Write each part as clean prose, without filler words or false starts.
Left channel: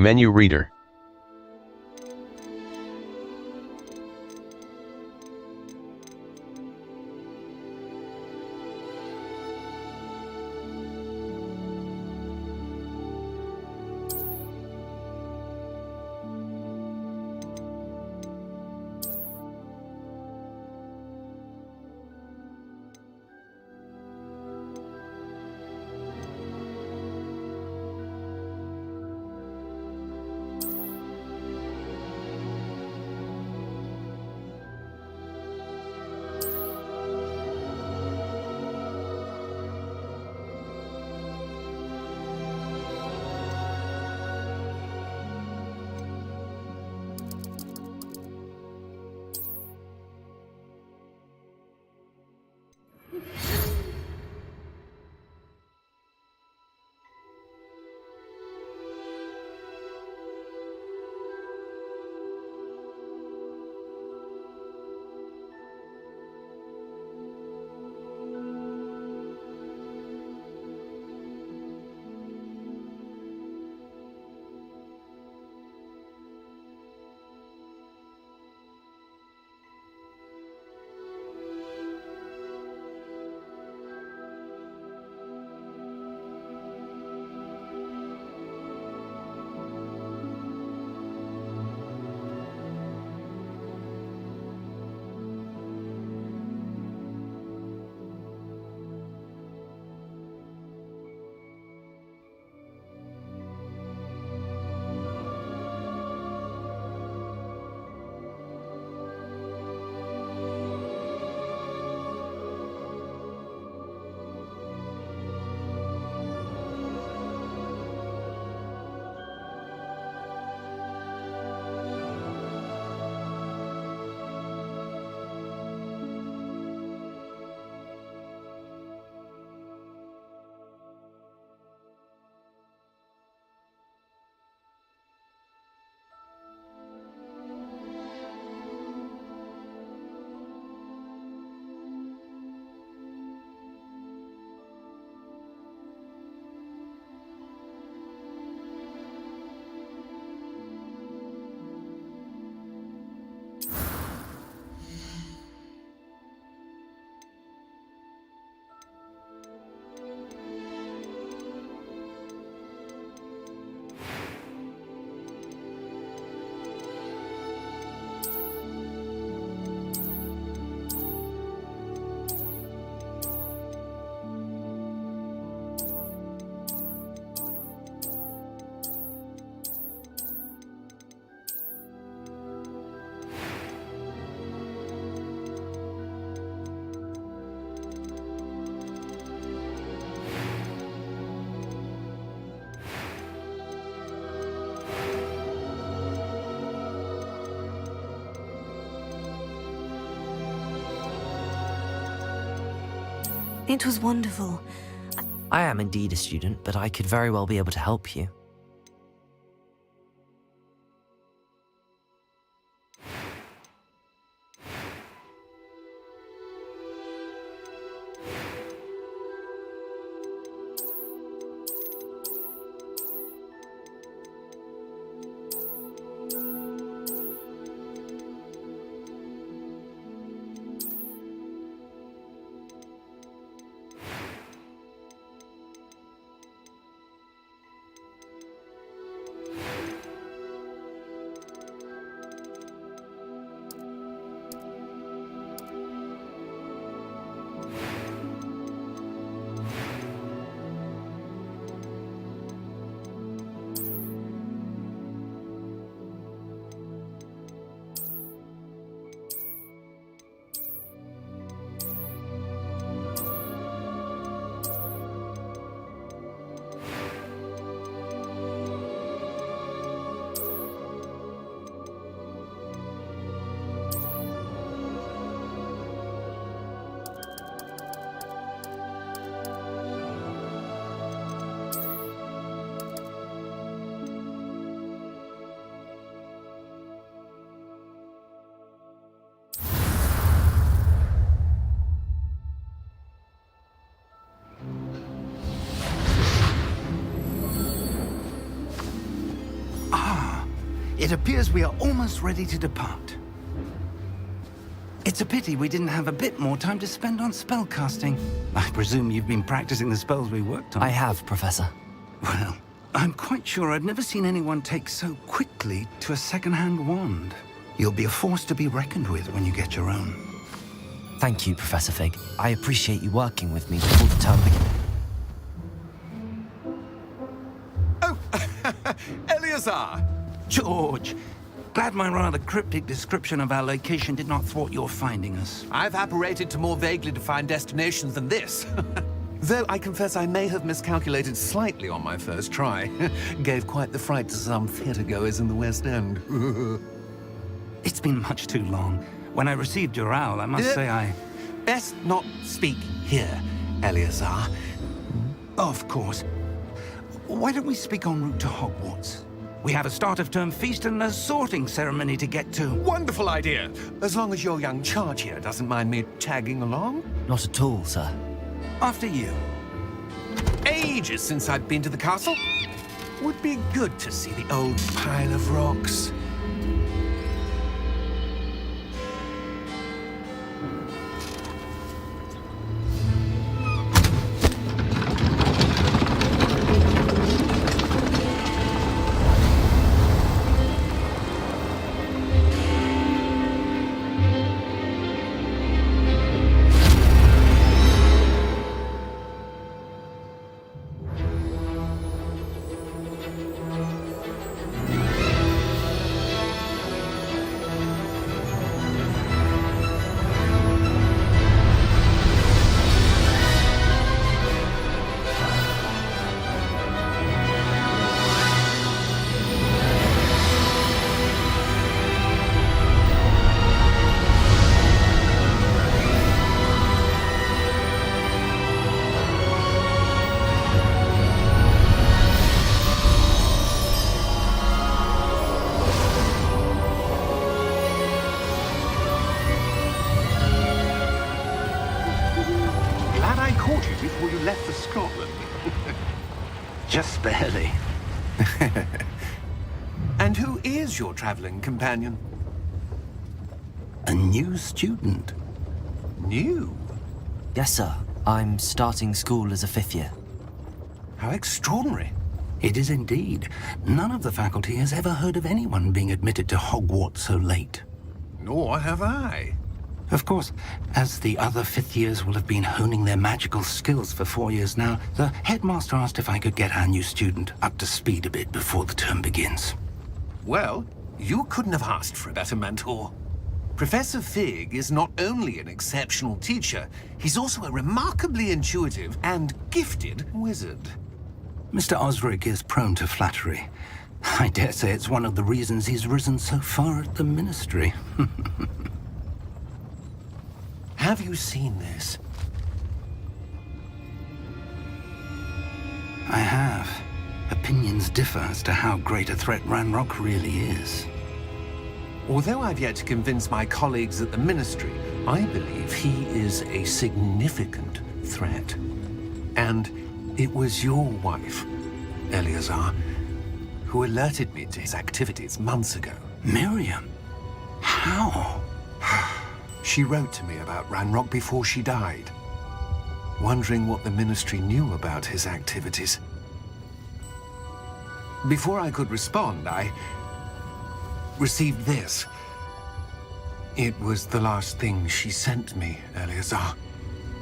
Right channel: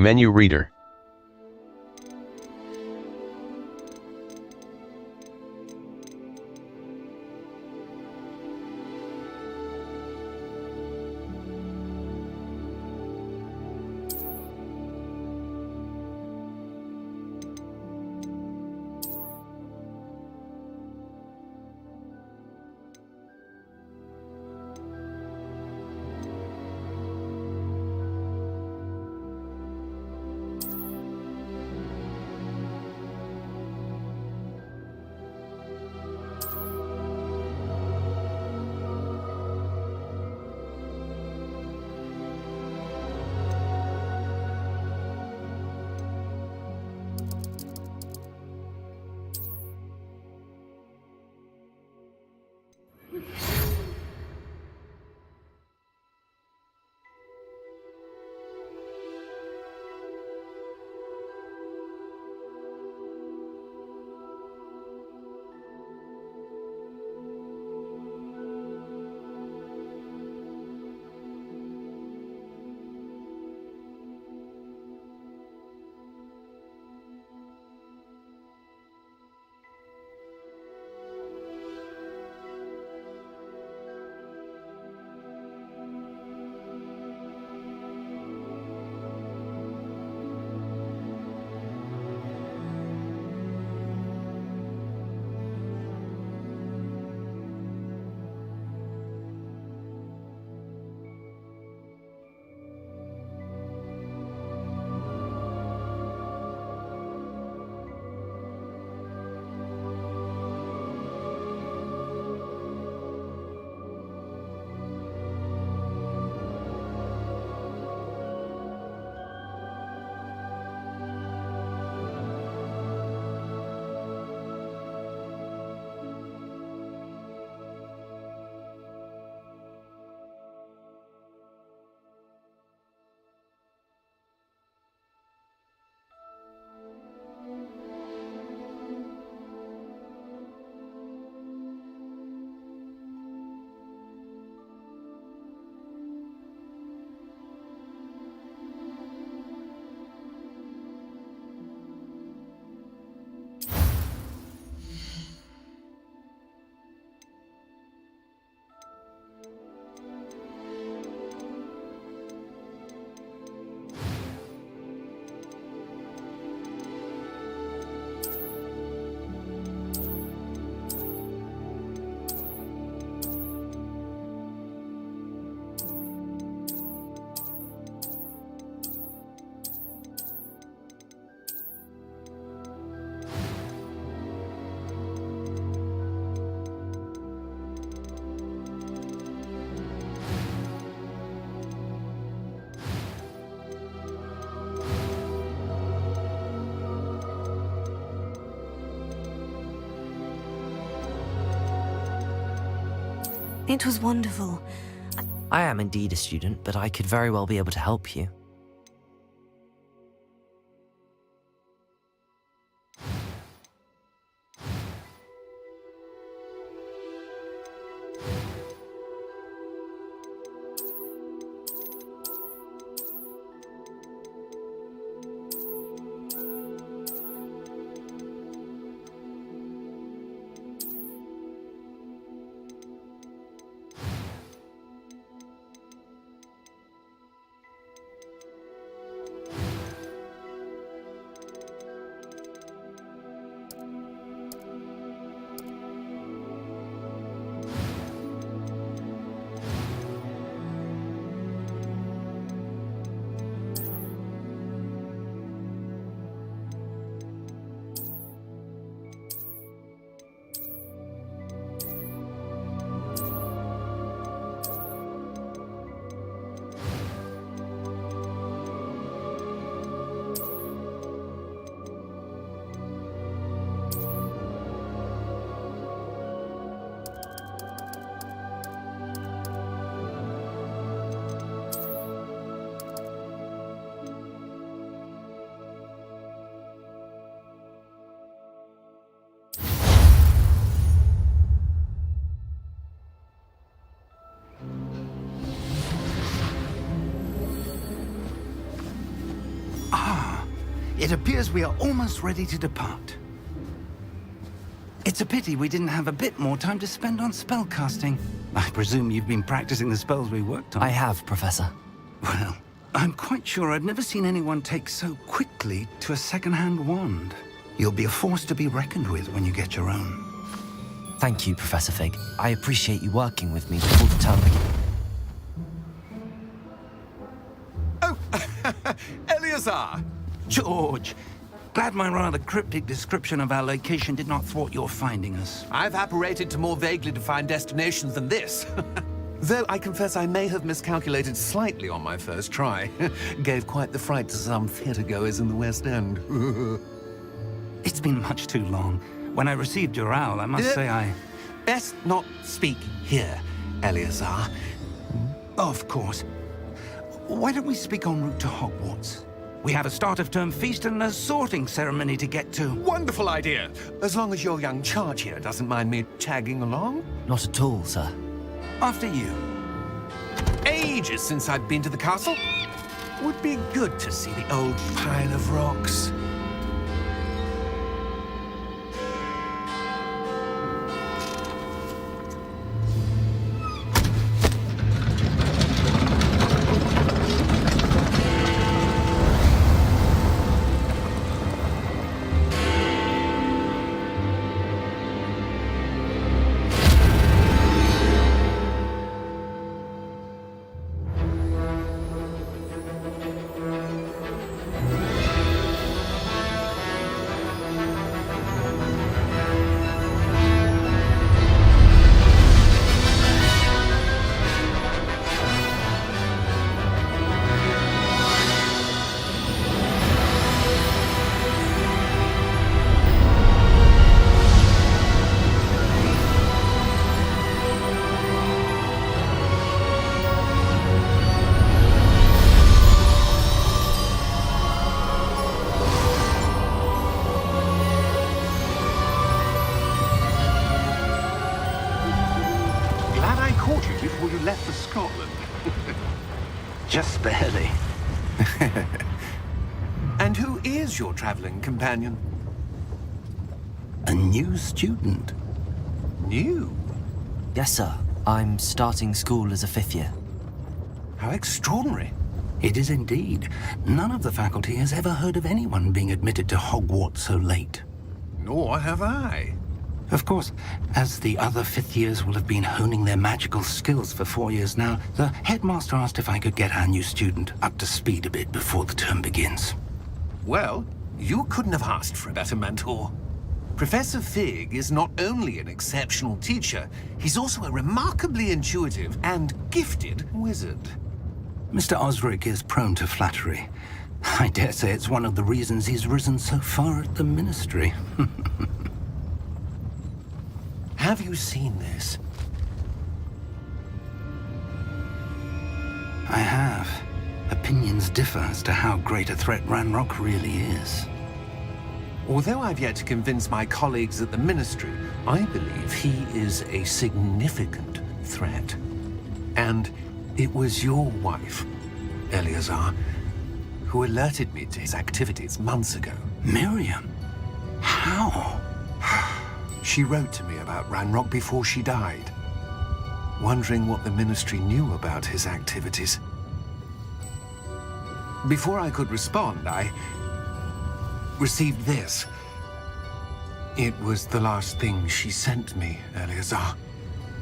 Menu reader. It was wonderful. I am indeed a student, but I could very well be able to help you. It appears we are almost ready to depart. It's a pity we didn't have a bit more time to spend on spellcasting. I presume you've been practicing the spells we worked on. I have, Professor. Well, I'm quite sure I've never seen anyone take so quickly to a second-hand wand. You'll be a force to be reckoned with when you get your own. Thank you, Professor Fig. I appreciate you working with me before the term begins. Oh, Eleazar! George, glad my rather cryptic description of our location did not thwart your finding us. I've apparated to more vaguely defined destinations than this. Though I confess I may have miscalculated slightly on my first try. Gave quite the fright to some theatre-goers in the West End. It's been much too long. When I received your owl, I must say I... Best not speak here, Eleazar. Of course. Why don't we speak en route to Hogwarts? We have a start-of-term feast and a sorting ceremony to get to. Wonderful idea! As long as your young charge here doesn't mind me tagging along. Not at all, sir. After you. Ages since I've been to the castle. Would be good to see the old pile of rocks. Glad I caught you before you left for Scotland. Just barely. And who is your travelling companion? A new student. New? Yes, sir. I'm starting school as a fifth year. How extraordinary. It is indeed. None of the faculty has ever heard of anyone being admitted to Hogwarts so late. Nor have I. Of course, as the other fifth years will have been honing their magical skills for 4 years now, the headmaster asked if I could get our new student up to speed a bit before the term begins. Well, you couldn't have asked for a better mentor. Professor Fig is not only an exceptional teacher, he's also a remarkably intuitive and gifted wizard. Mr. Osric is prone to flattery. I dare say it's one of the reasons he's risen so far at the ministry. Have you seen this? I have. Opinions differ as to how great a threat Ranrock really is. Although I've yet to convince my colleagues at the Ministry, I believe he is a significant threat. And it was your wife, Eleazar, who alerted me to his activities months ago. Miriam? How? She wrote to me about Ranrock before she died, wondering what the Ministry knew about his activities. Before I could respond, I received this. It was the last thing she sent me, Eleazar.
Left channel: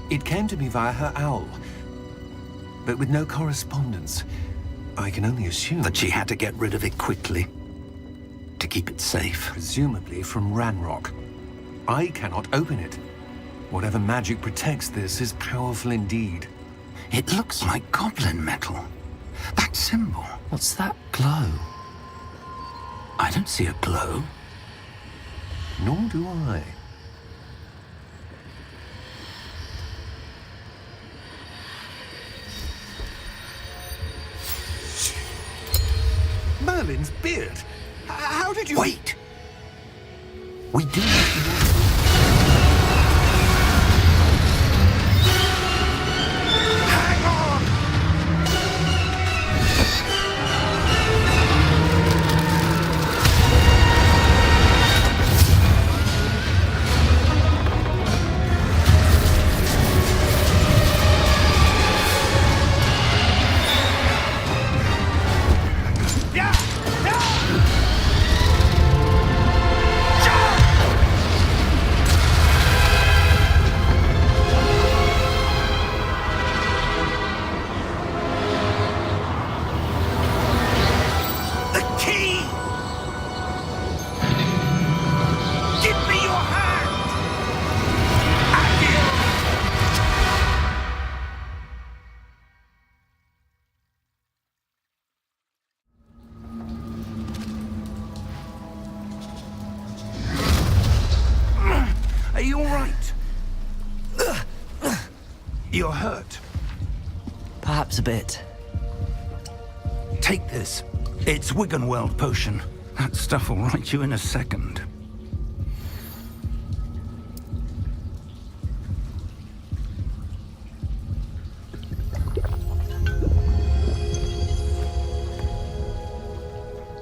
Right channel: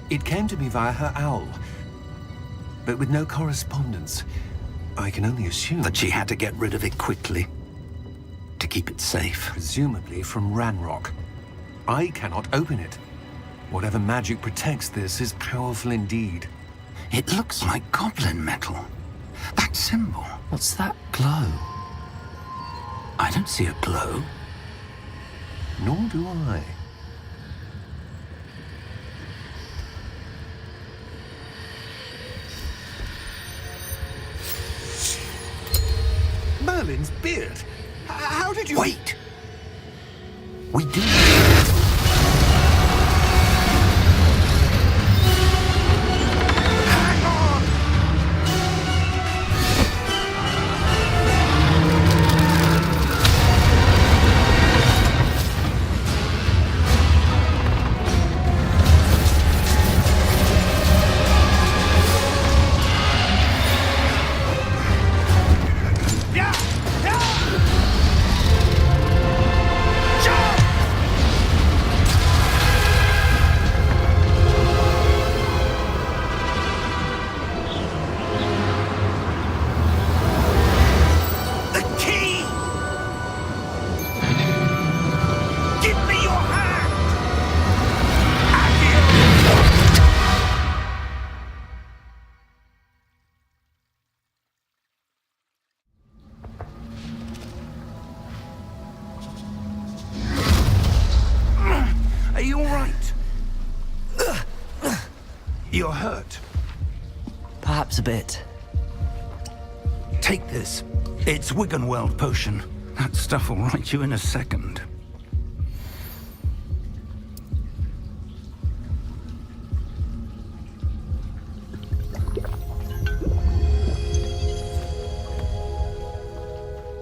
It came to me via her owl, but with no correspondence. I can only assume That she had to get rid of it quickly. To keep it safe. presumably from Ranrock. I cannot open it. Whatever magic protects this is powerful indeed. It looks like goblin metal. That symbol. What's that glow? I don't see a glow. Nor do I. Merlin's beard. How did you... Wait! We do. Hang on! you all right? You're hurt. Perhaps a bit. Take this. It's Wiggenweld potion. That stuff will right you in a second.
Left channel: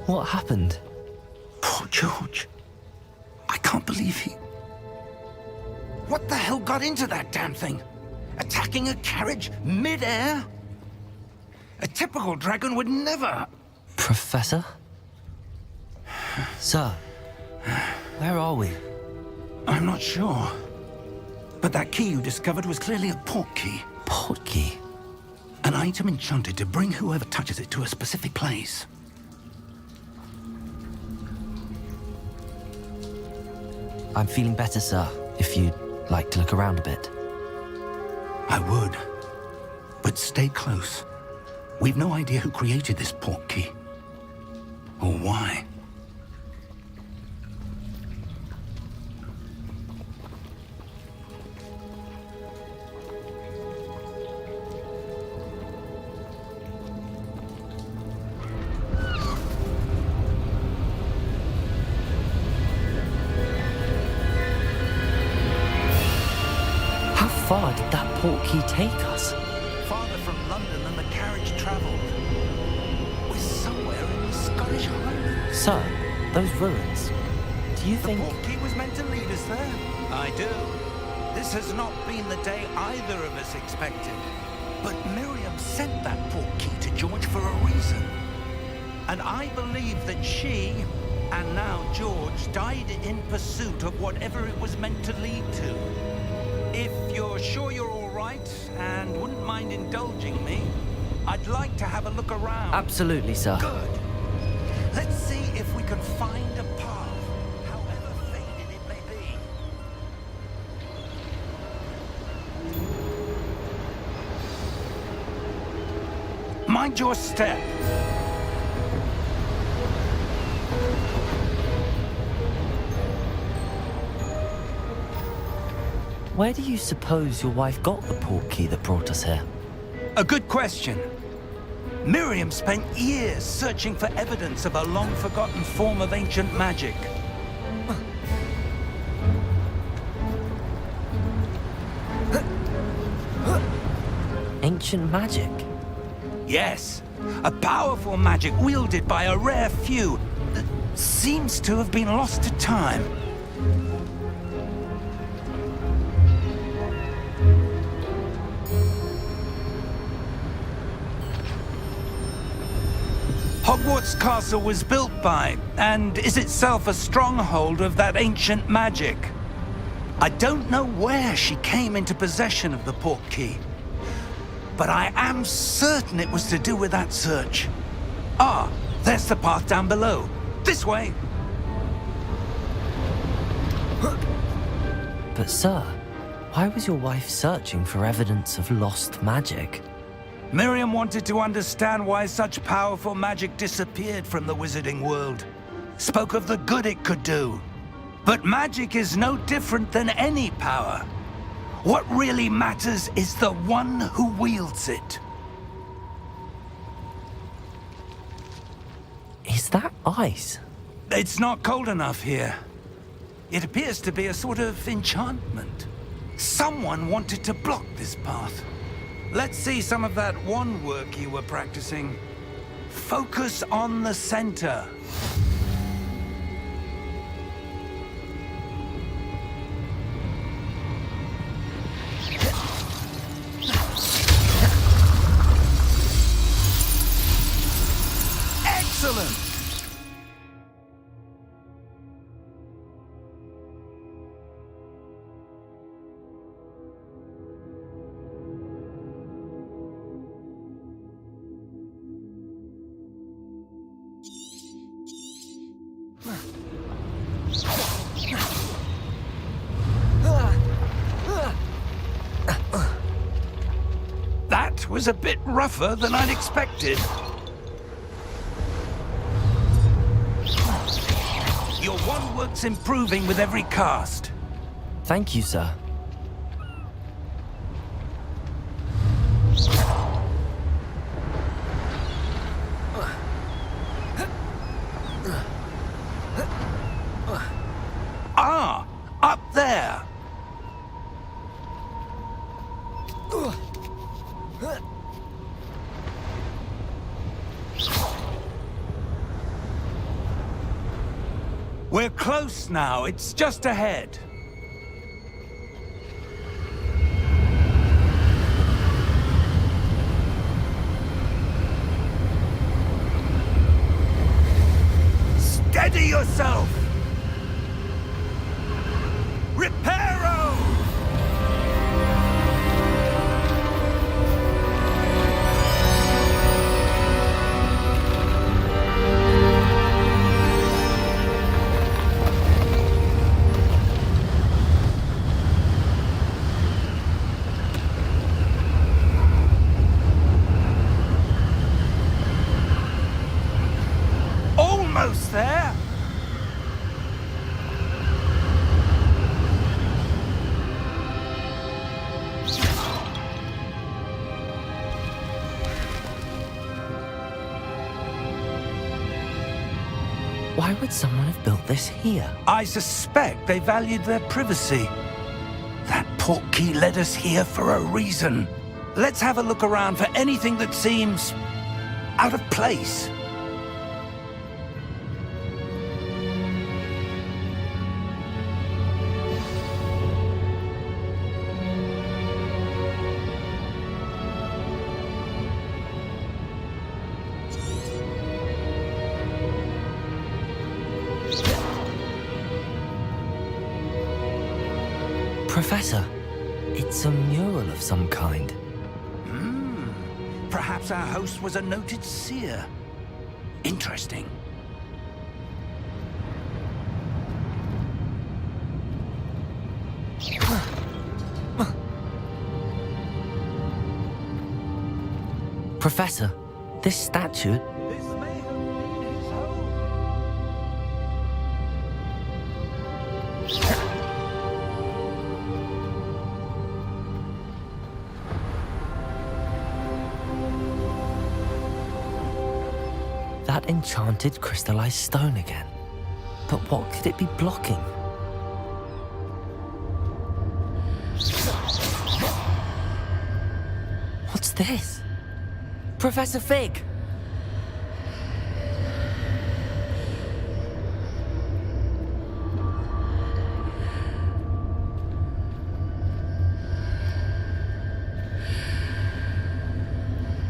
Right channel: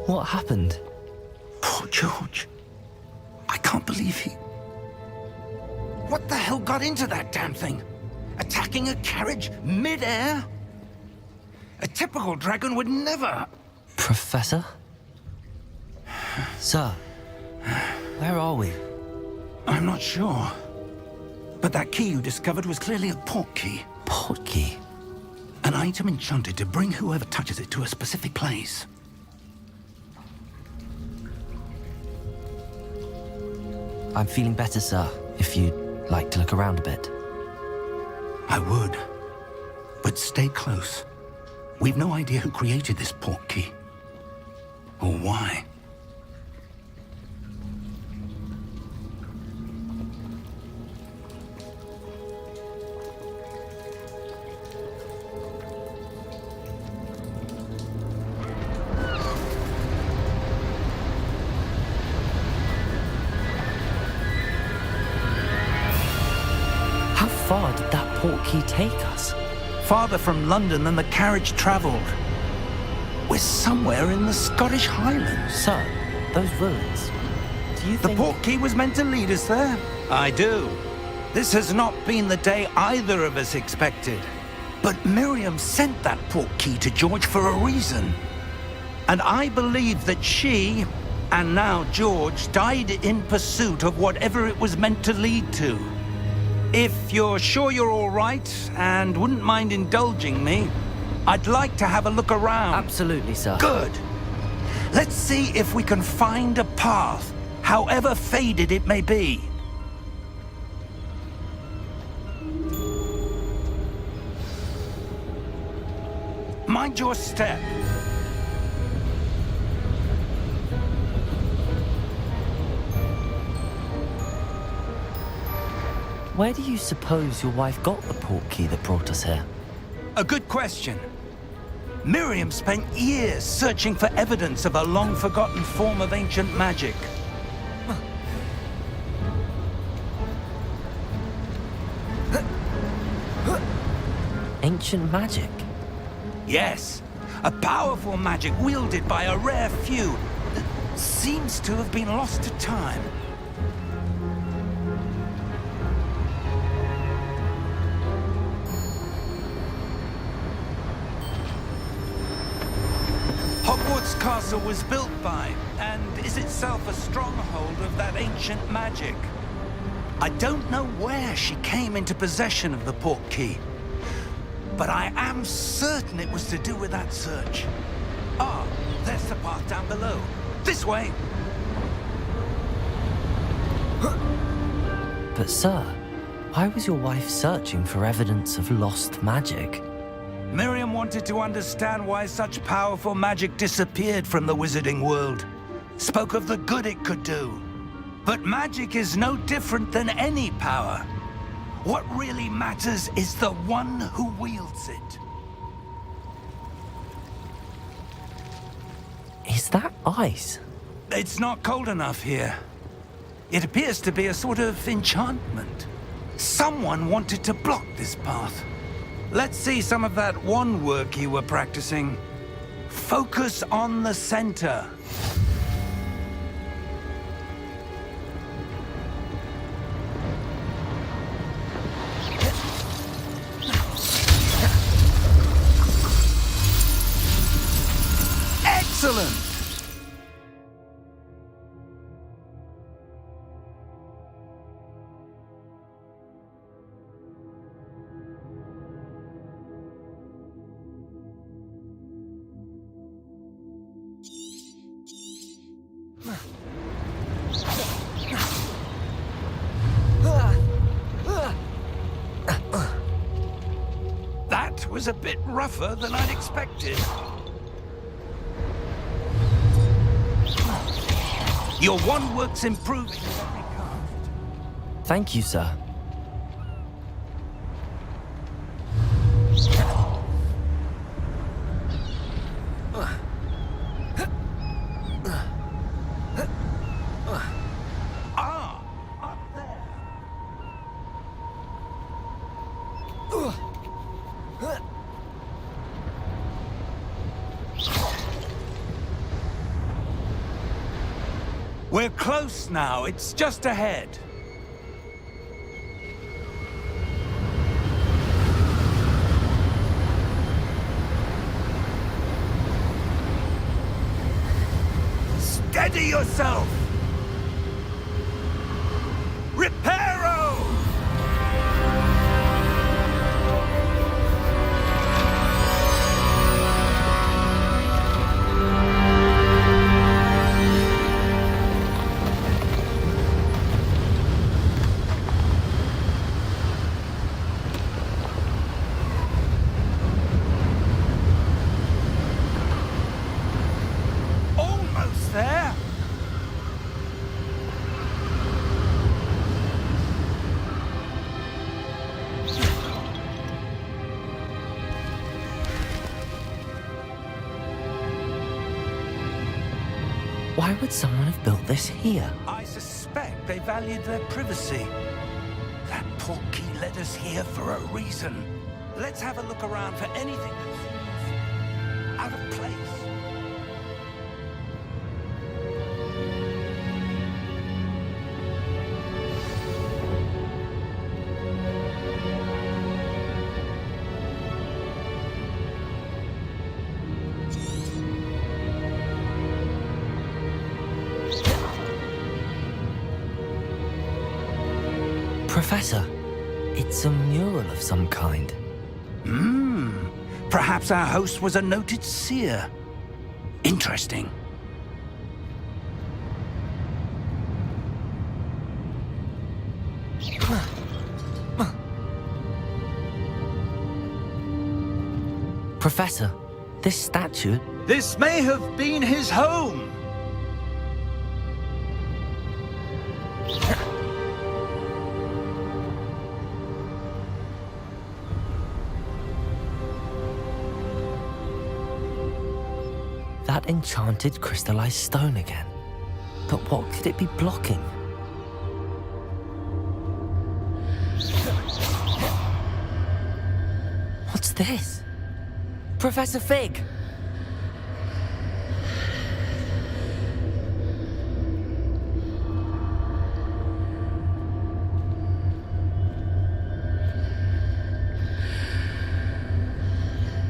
What happened? Poor George. I can't believe he... What the hell got into that damn thing? Attacking a carriage mid-air? A typical dragon would never... Professor? Sir, where are we? I'm not sure. But that key you discovered was clearly a port key. Port key? An item enchanted to bring whoever touches it to a specific place. I'm feeling better, sir, if you'd like to look around a bit. I would. But stay close. We've no idea who created this port key. Or why. How far did that port key take us? Farther from London than the carriage travelled. We're somewhere in the Scottish Highlands. Sir, those ruins. Do you The think... port key was meant to lead us there? I do. This has not been the day either of us expected. But Miriam sent that port key to George for a reason. And I believe that she, and now George, died in pursuit of whatever it was meant to lead to. If you're sure you're all right and wouldn't mind indulging me, I'd like to have a look around. Absolutely, sir. Good. Let's see if we can find a path, however faded it may be. Mind your step. Where do you suppose your wife got the port key that brought us here? A good question. Miriam spent years searching for evidence of a long-forgotten form of ancient magic. Ancient magic? Yes, a powerful magic wielded by a rare few that seems to have been lost to time. Hogwarts Castle was built by, and is itself a stronghold of that ancient magic. I don't know where she came into possession of the port key, but I am certain it was to do with that search. Ah, there's the path down below. This way. But sir, why was your wife searching for evidence of lost magic? Miriam wanted to understand why such powerful magic disappeared from the wizarding world. Spoke of the good it could do. But magic is no different than any power. What really matters is the one who wields it. Is that ice? It's not cold enough here. It appears to be a sort of enchantment. Someone wanted to block this path. Let's see some of that wand work you were practicing. Focus on the center. Excellent! That was a bit rougher than I'd expected. Your wand work's improving with every cast. Thank you, sir. Ah, up there. We're close now. It's just ahead. Steady yourself! Reparo! Almost there. Why would someone have built this here? I suspect they valued their privacy. That portkey led us here for a reason. Let's have a look around for anything that seems out of place. Professor, it's a mural of some kind. Perhaps our host was a noted seer. Interesting. Professor, this statue... This may have been his home. That enchanted crystallized stone again. But what could it be blocking? What's this? Professor Fig!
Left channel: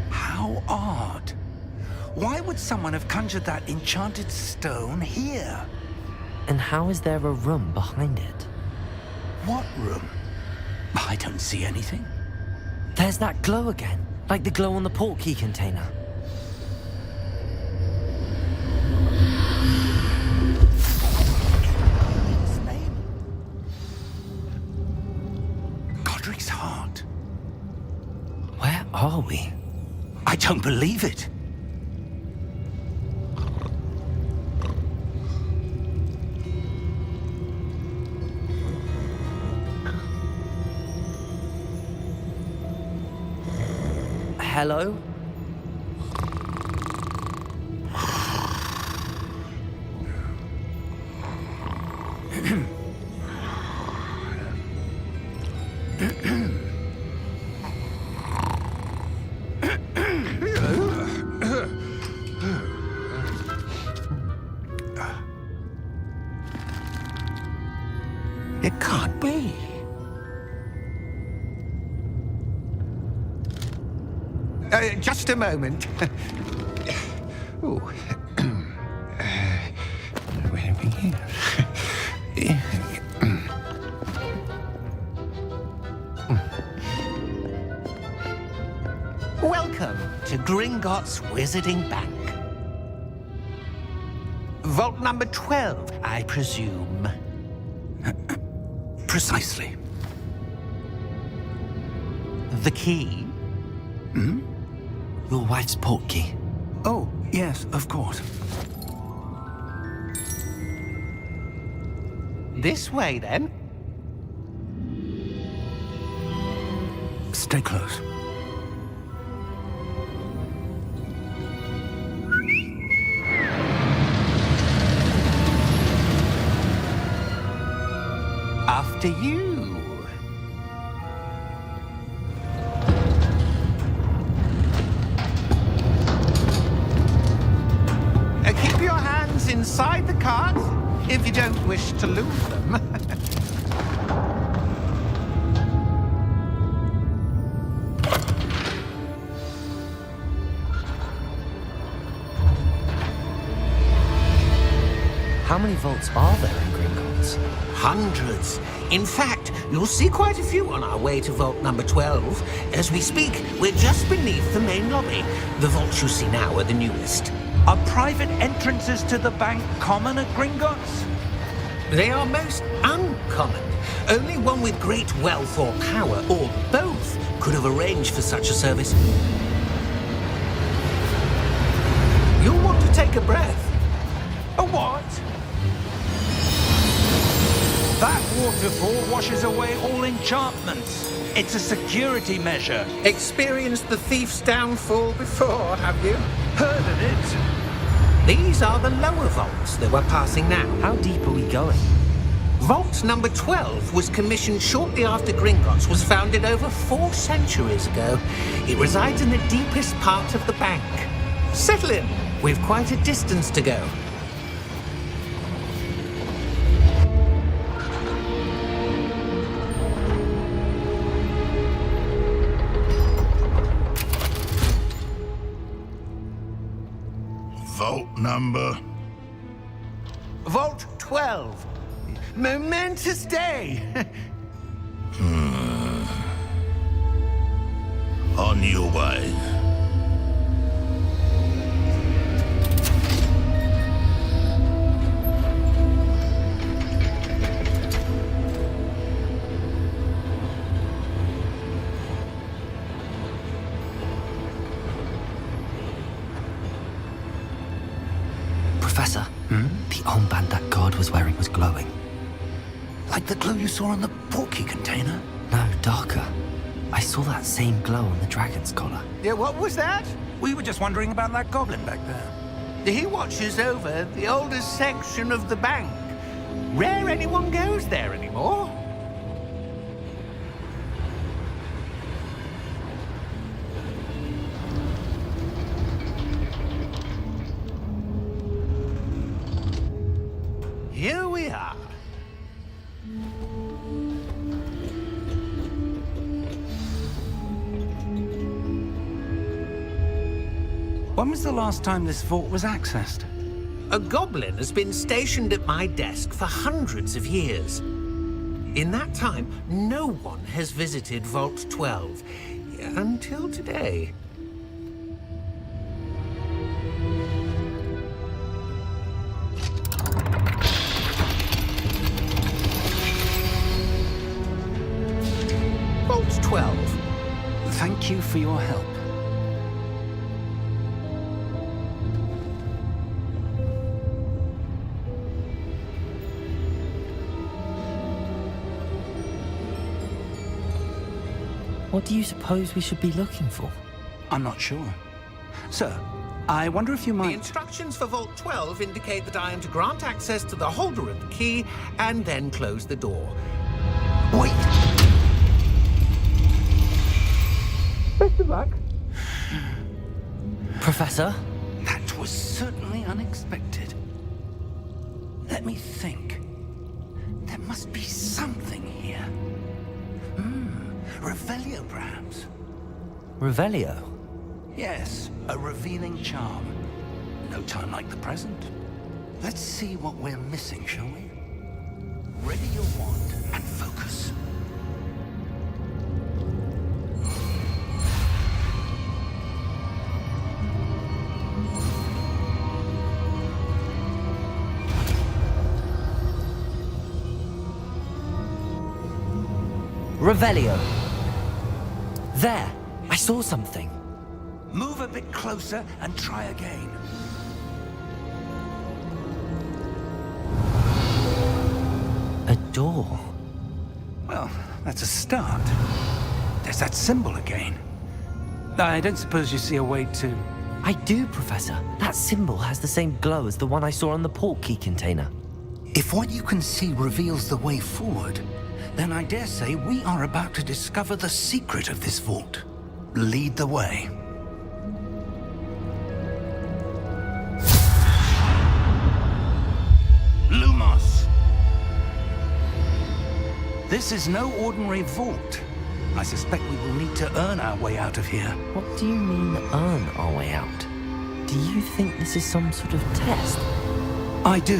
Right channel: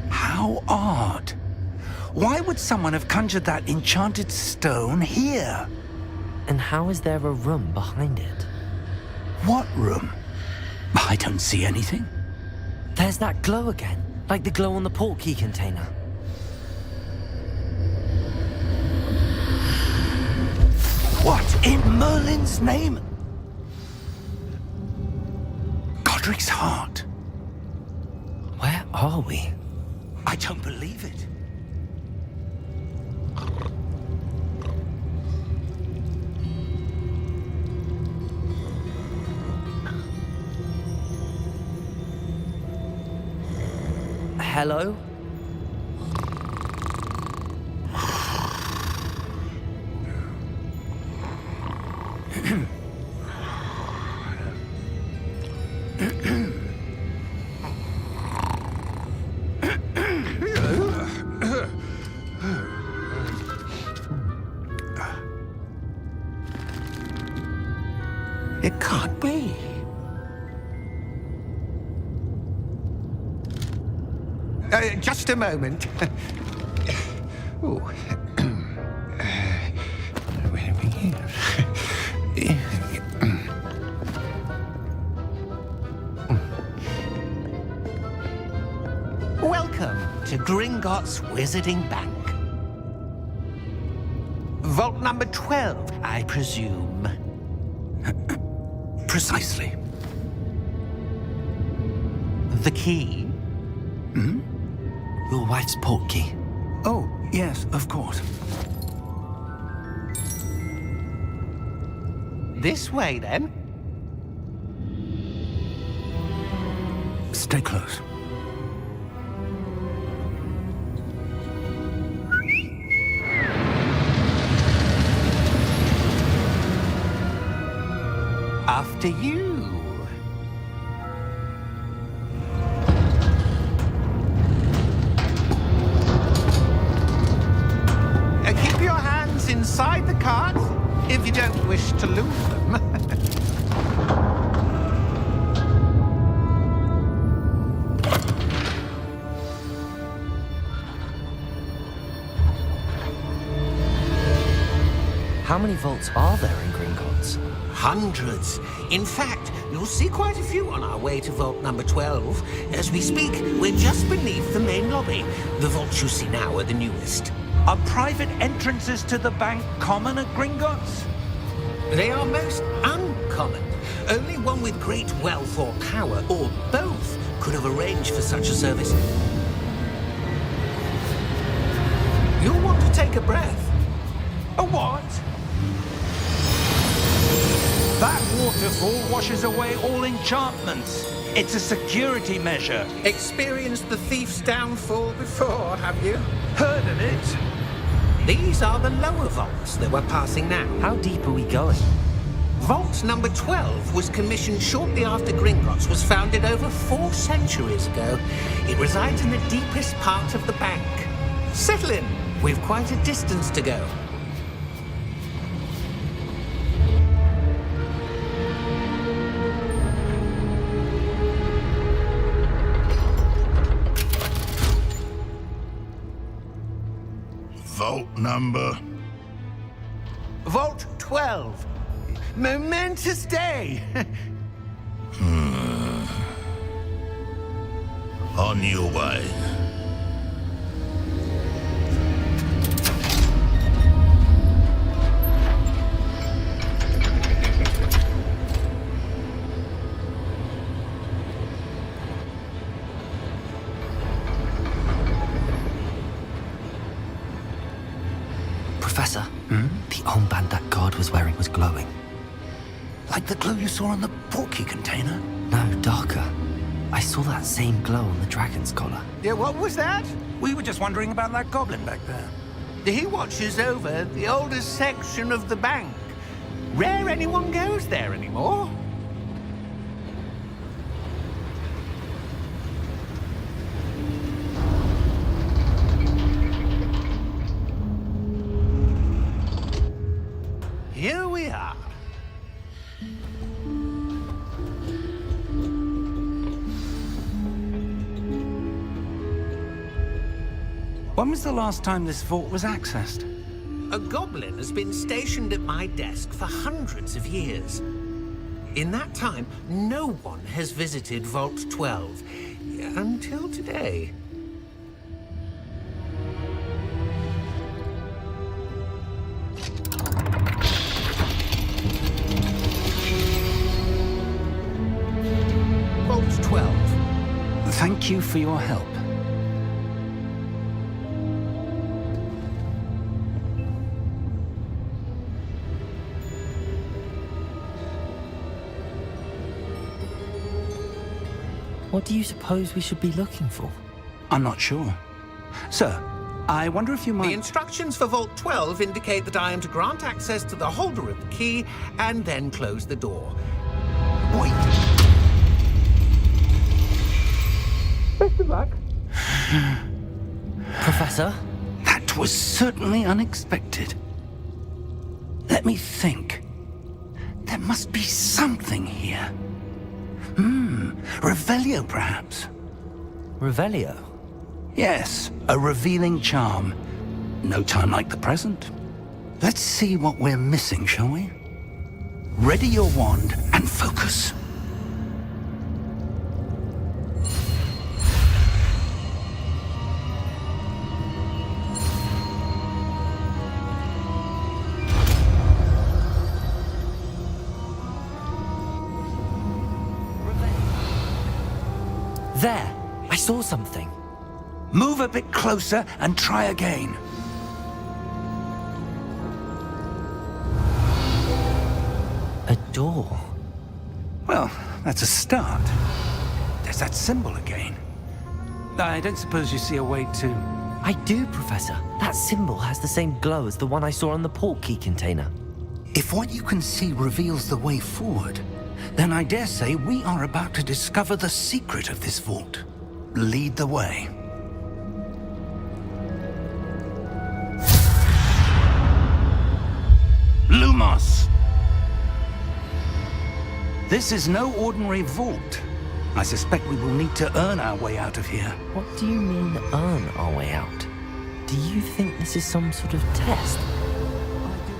How odd. Why would someone have conjured that enchanted stone here? And how is there a room behind it? What room? I don't see anything. There's that glow again, like the glow on the portkey container. What in Merlin's name? Godric's heart. Where are we? I don't believe it. Hello? It can't be. Just a moment. Oh. Where are we here? Welcome to Gringotts Wizarding Bank. Vault number 12, I presume. Precisely. The key? Your wife's portkey. Oh, yes, of course. This way, then. Stay close. After you. Keep your hands inside the cart if you don't wish to lose them. How many vaults are there in Gringotts? Hundreds. In fact, you'll see quite a few on our way to vault number 12. As we speak, we're just beneath the main lobby. The vaults you see now are the newest. Are private entrances to the bank common at Gringotts? They are most uncommon. Only one with great wealth or power, or both, could have arranged for such a service. You'll want to take a breath. A what? That waterfall washes away all enchantments. It's a security measure. Experienced the thief's downfall before, have you? Heard of it? These are the lower vaults that we're passing now. How deep are we going? Vault number 12 was commissioned shortly after Gringotts was founded over 4 centuries ago. It resides in the deepest part of the bank. Settle in. We've quite a distance to go. Vault number? Vault 12. Momentous day. On your way. Professor, the armband that guard was wearing was glowing. Like the glow you saw on the portkey container? No, darker. I saw that same glow on the dragon's collar. Yeah, what was that? We were just wondering about that goblin back there. He watches over the oldest section of the bank. Rare anyone goes there anymore. Here we are. When was the last time this vault was accessed? A goblin has been stationed at my desk for hundreds of years. In that time, no one has visited Vault 12 until today. Vault 12. Thank you for your help. What do you suppose we should be looking for? I'm not sure. Sir, I wonder if you The might... instructions for Vault 12 indicate that I am to grant access to the holder of the key and then close the door. Wait! Best of luck. Professor? That was certainly unexpected. Let me think. There must be something here. Revelio, perhaps? Revelio? Yes, a revealing charm. No time like the present. Let's see what we're missing, shall we? Ready your wand and focus. Revelio. There! I saw something. Move a bit closer and try again. A door. Well, that's a start. There's recognize that symbol again. I don't suppose you see a way to... I do, Professor. That symbol has the same glow as the one I saw on the portkey container. If what you can see reveals the way forward, then I dare say we are about to discover the secret of this vault. Lead the way. Lumos! This is no ordinary vault. I suspect we will need to earn our way out of here. What do you mean, earn our way out? Do you think this is some sort of test? I do.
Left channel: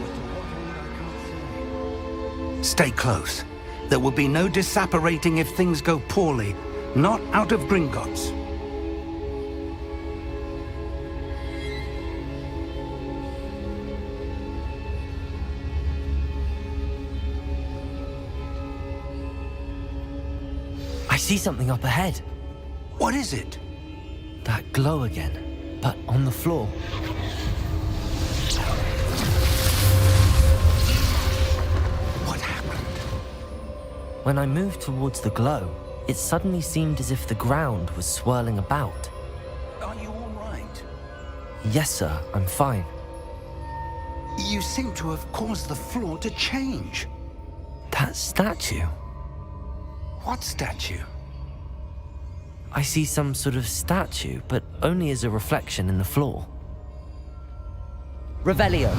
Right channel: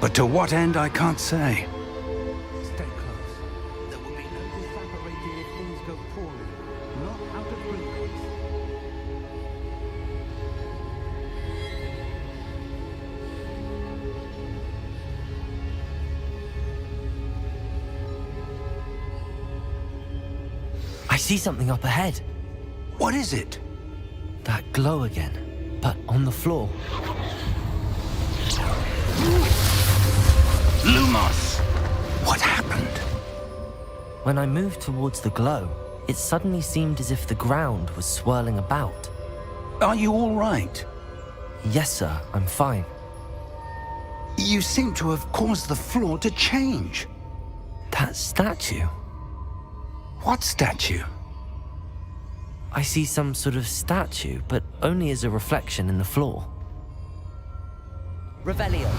But to what end, I can't say. Stay close. There will be no disapparating if things go poorly. Not out of Gringotts. I see something up ahead. What is it? That glow again, but on the floor. Lumos! What happened? When I moved towards the glow, it suddenly seemed as if the ground was swirling about. Are you all right? Yes, sir, I'm fine. You seem to have caused the floor to change. That statue. What statue? I see some sort of statue, but only as a reflection in the floor. Revelio.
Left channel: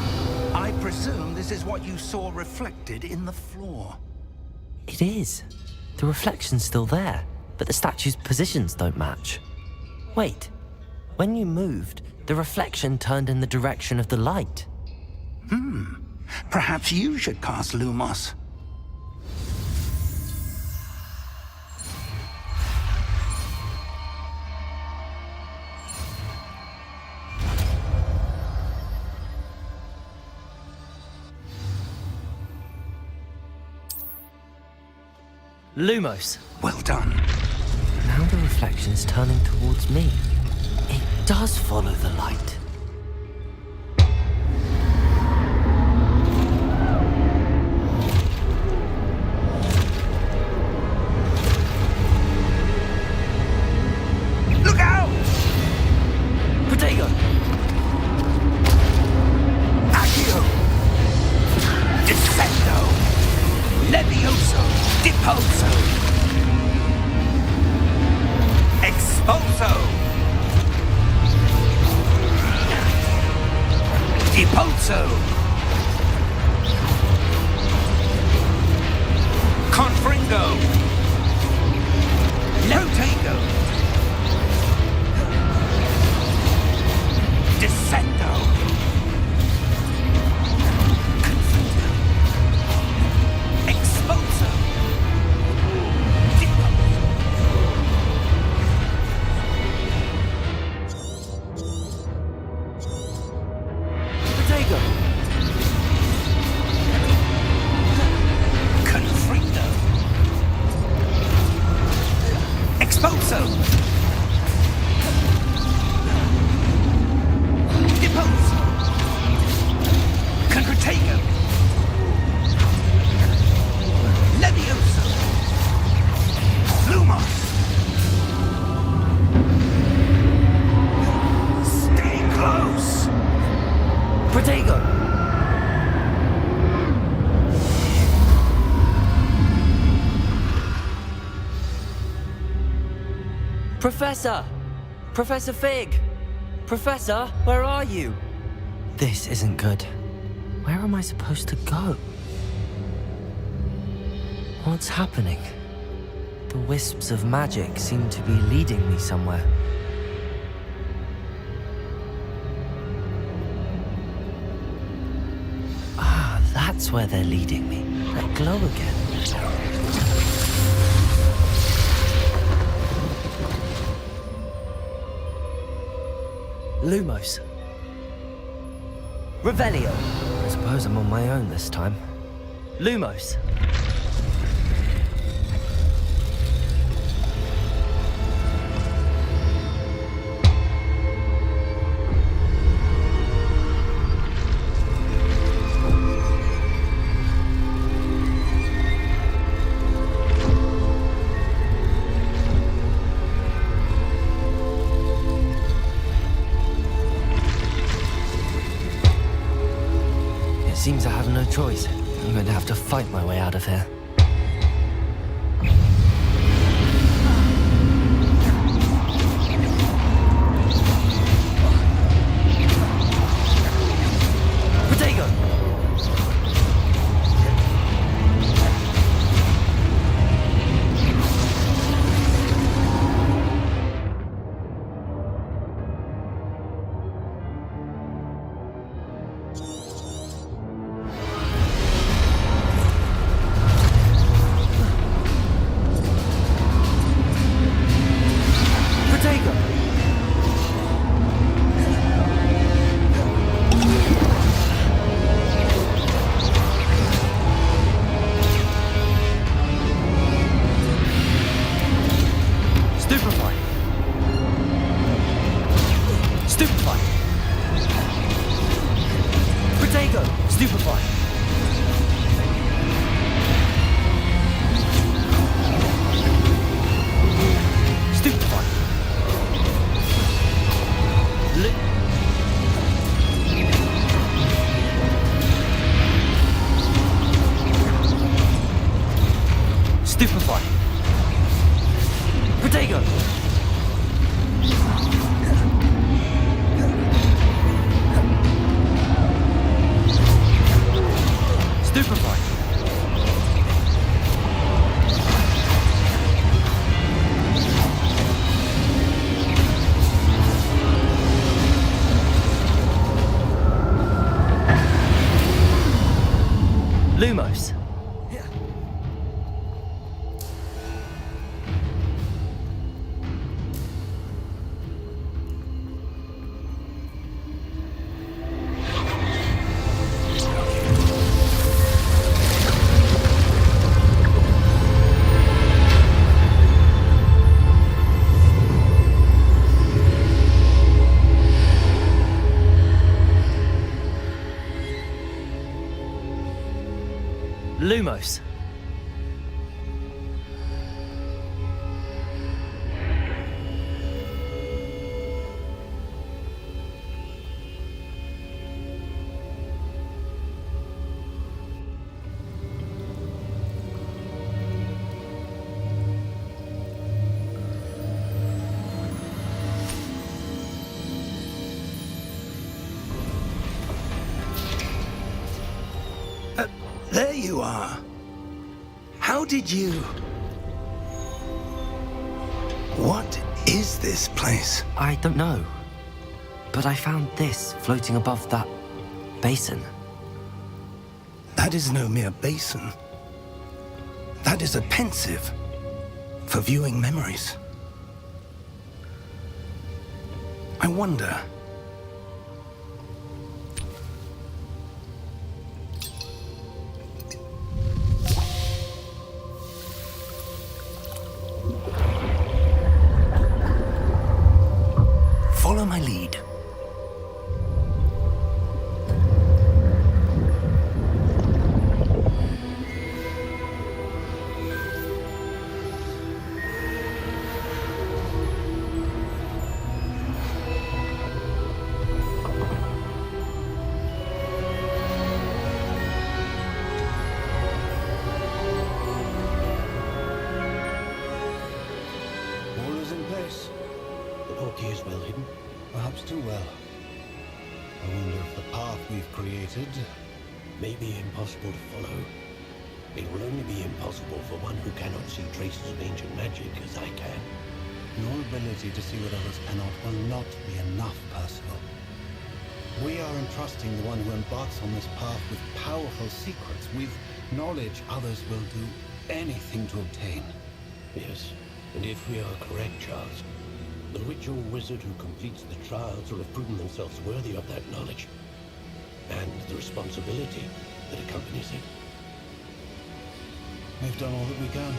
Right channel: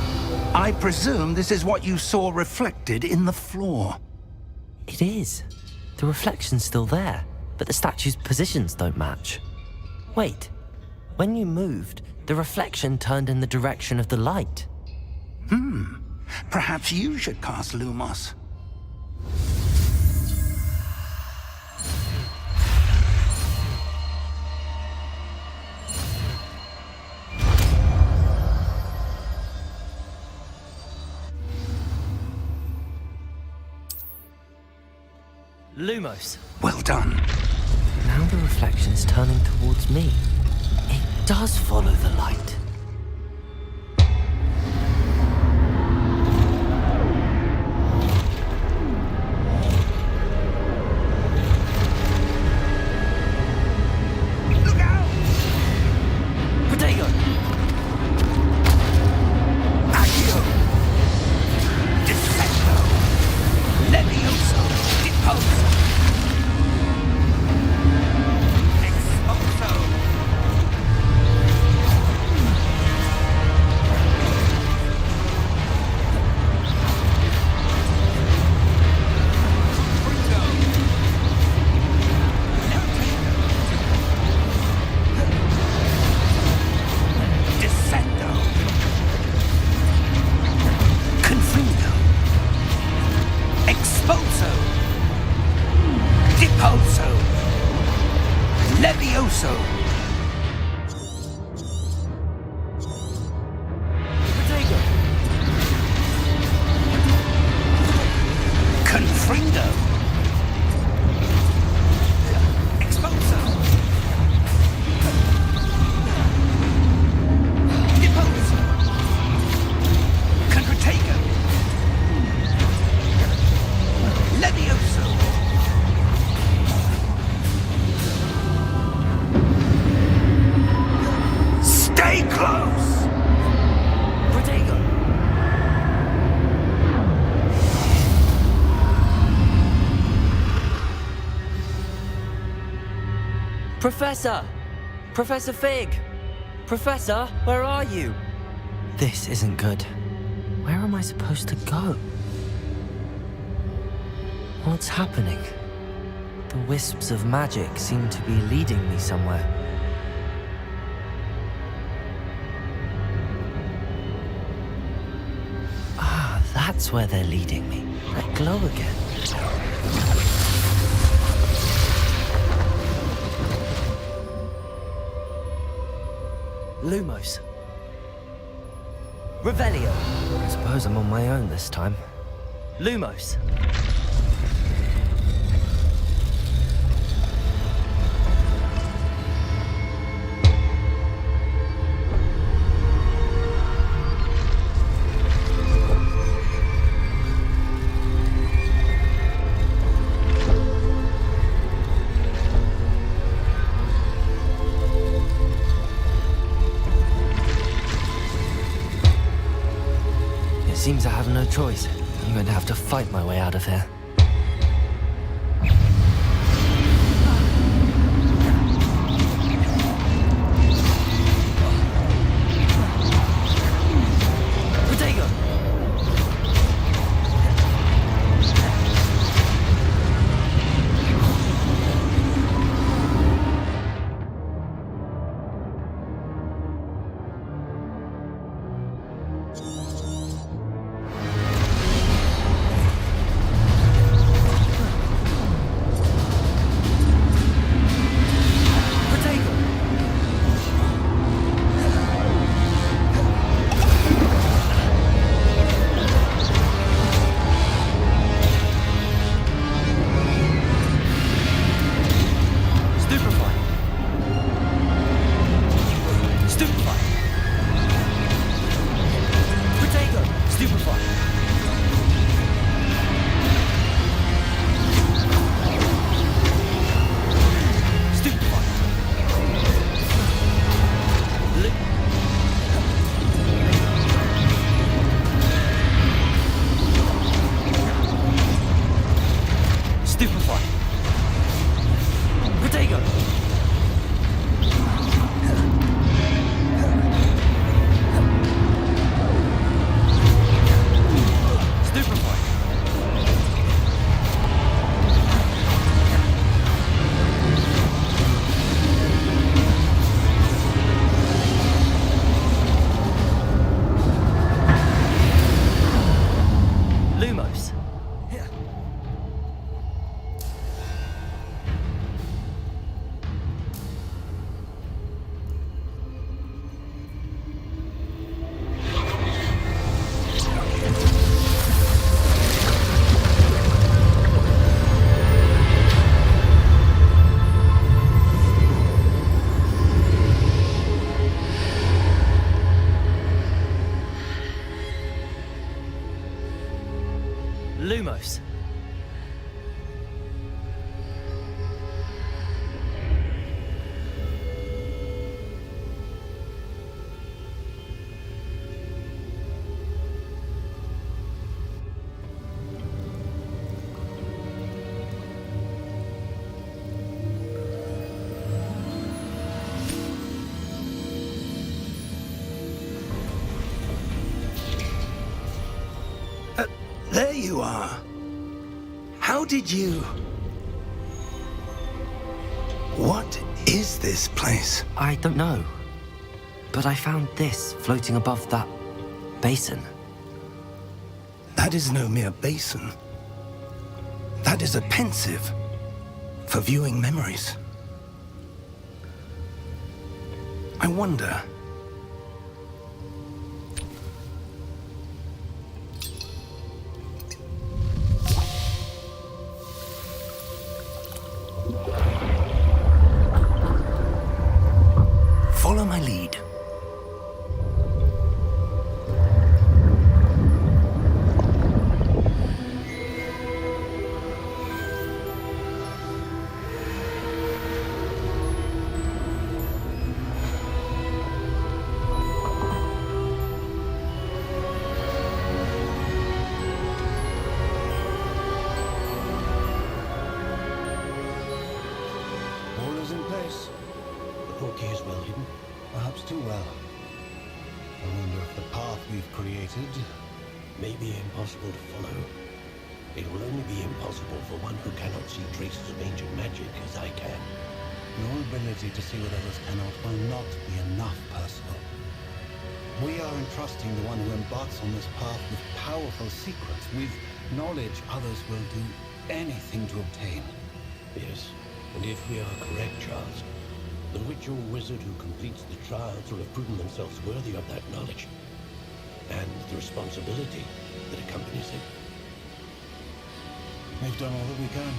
I presume this is what you saw reflected in the floor. It is. The reflection's still there, but the statue's positions don't match. Wait. When you moved, the reflection turned in the direction of the light. Perhaps you should cast Lumos. Lumos. Well done. Now the reflection's turning towards me. It does follow the light. Look out! Protego! Accio! Descendo! Levioso! Deposo! Exposo! Deposo! Confringo! Lotego! Descendo! Confringo! Exposo! Deposo! Levioso! Protego! Confringo! Exposo! Deposo! Concretego! Levioso! Lumos! Stay close! Protego! Professor! Professor Fig! Professor, where are you? This isn't good. Where am I supposed to go? What's happening? The wisps of magic seem to be leading me somewhere. Ah, that's where they're leading me. That glow again. Lumos. Revelio. I suppose I'm on my own this time. Lumos. Seems I have no choice. I'm going to have to fight my way out of here. Protego! Protego! Stupefy! Stupefy! Protego! Stupefy! Stupefy! Stupefy! Protego! Stupefy! Lumos. Lumos. There you are. How did you... What is this place? I don't know. But I found this floating above that basin. That is no mere basin. That is a pensive for viewing memories. I wonder... Follow my lead. All is in place. The portkey is well hidden. Perhaps too well. I wonder if the path we've created... May be impossible to follow. It will only be impossible for one who cannot see traces of ancient magic as I can. Your ability to see what others cannot will not be enough, Percival. We are entrusting the one who embarks on this path with powerful secrets, with knowledge others will do anything to obtain. Yes, and if we are correct, Charles, the witch or wizard who completes the trials will have proven themselves worthy of that knowledge and the responsibility that accompanies it. We've done all that we can.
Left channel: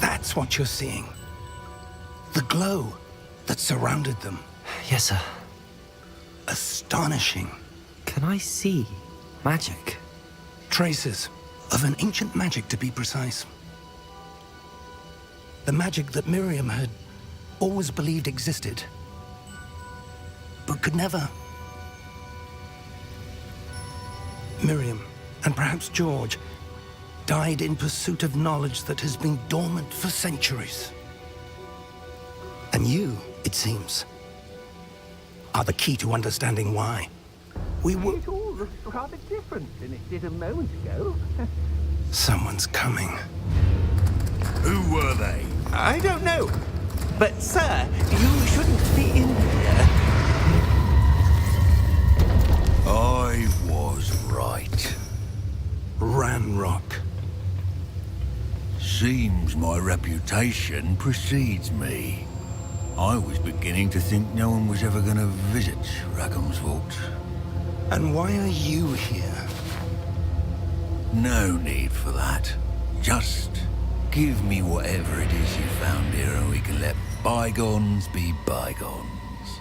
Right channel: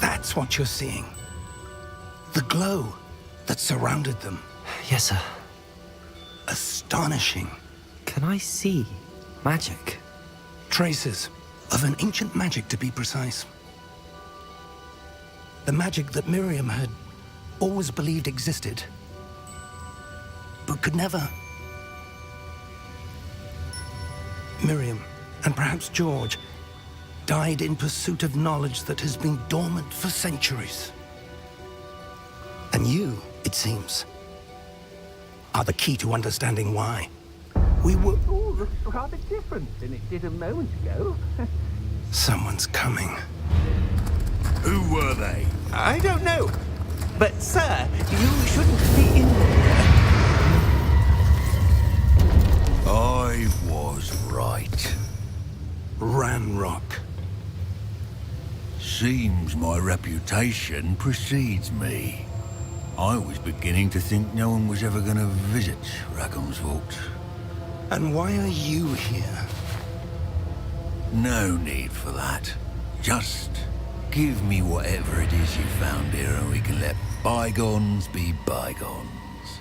That's what you're seeing. The glow that surrounded them. Yes, sir. Astonishing. Can I see magic? Traces of an ancient magic, to be precise. The magic that Miriam had always believed existed, but could never. Miriam, and perhaps George, died in pursuit of knowledge that has been dormant for centuries. And you, it seems, are the key to understanding why. We were... It all looks rather different than it did a moment ago. Someone's coming. Who were they? I don't know. But, sir, you shouldn't be in here. I was right. Ranrock. Seems my reputation precedes me. I was beginning to think no one was ever going to visit Rackham's Vault. And why are you here? No need for that. Just give me whatever it is you found here and we can let bygones be bygones.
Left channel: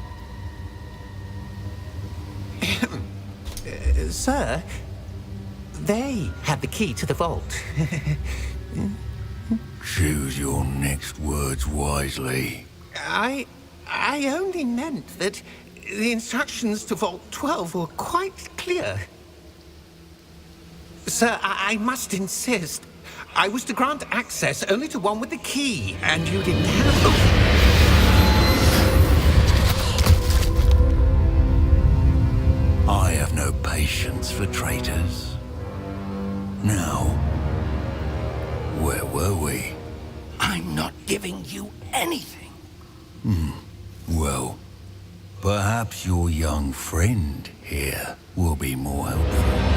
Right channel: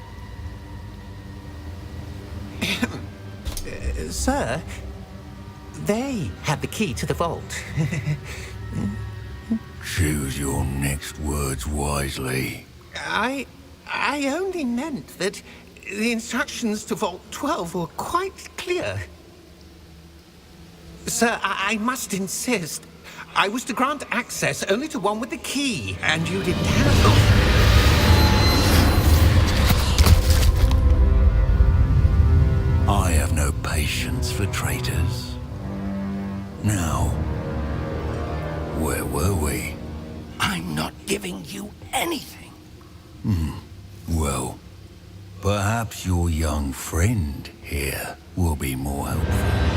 Sir, they have the key to the vault. Choose your next words wisely. I only meant that the instructions to Vault 12 were quite clear. Sir, I must insist. I was to grant access only to one with the key, and you didn't have... I have no patience for traitors. Now, where were we? I'm not giving you anything. Well, perhaps your young friend here will be more helpful.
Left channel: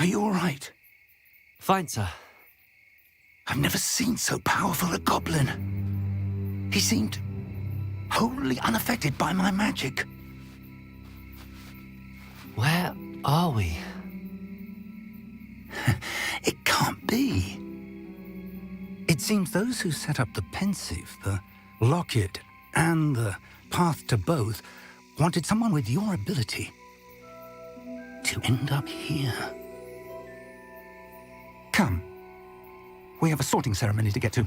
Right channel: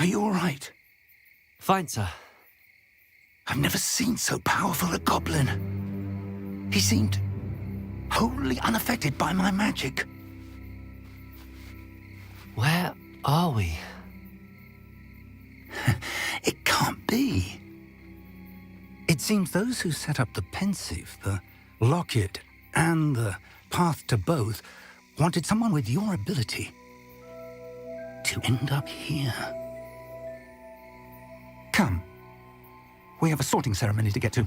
Are you all right? Fine, sir. I've never seen so powerful a goblin. He seemed wholly unaffected by my magic. Where are we? It can't be. It seems those who set up the pensive, the locket, and the path to both wanted someone with your ability to end up here. Come. We have a sorting ceremony to get to.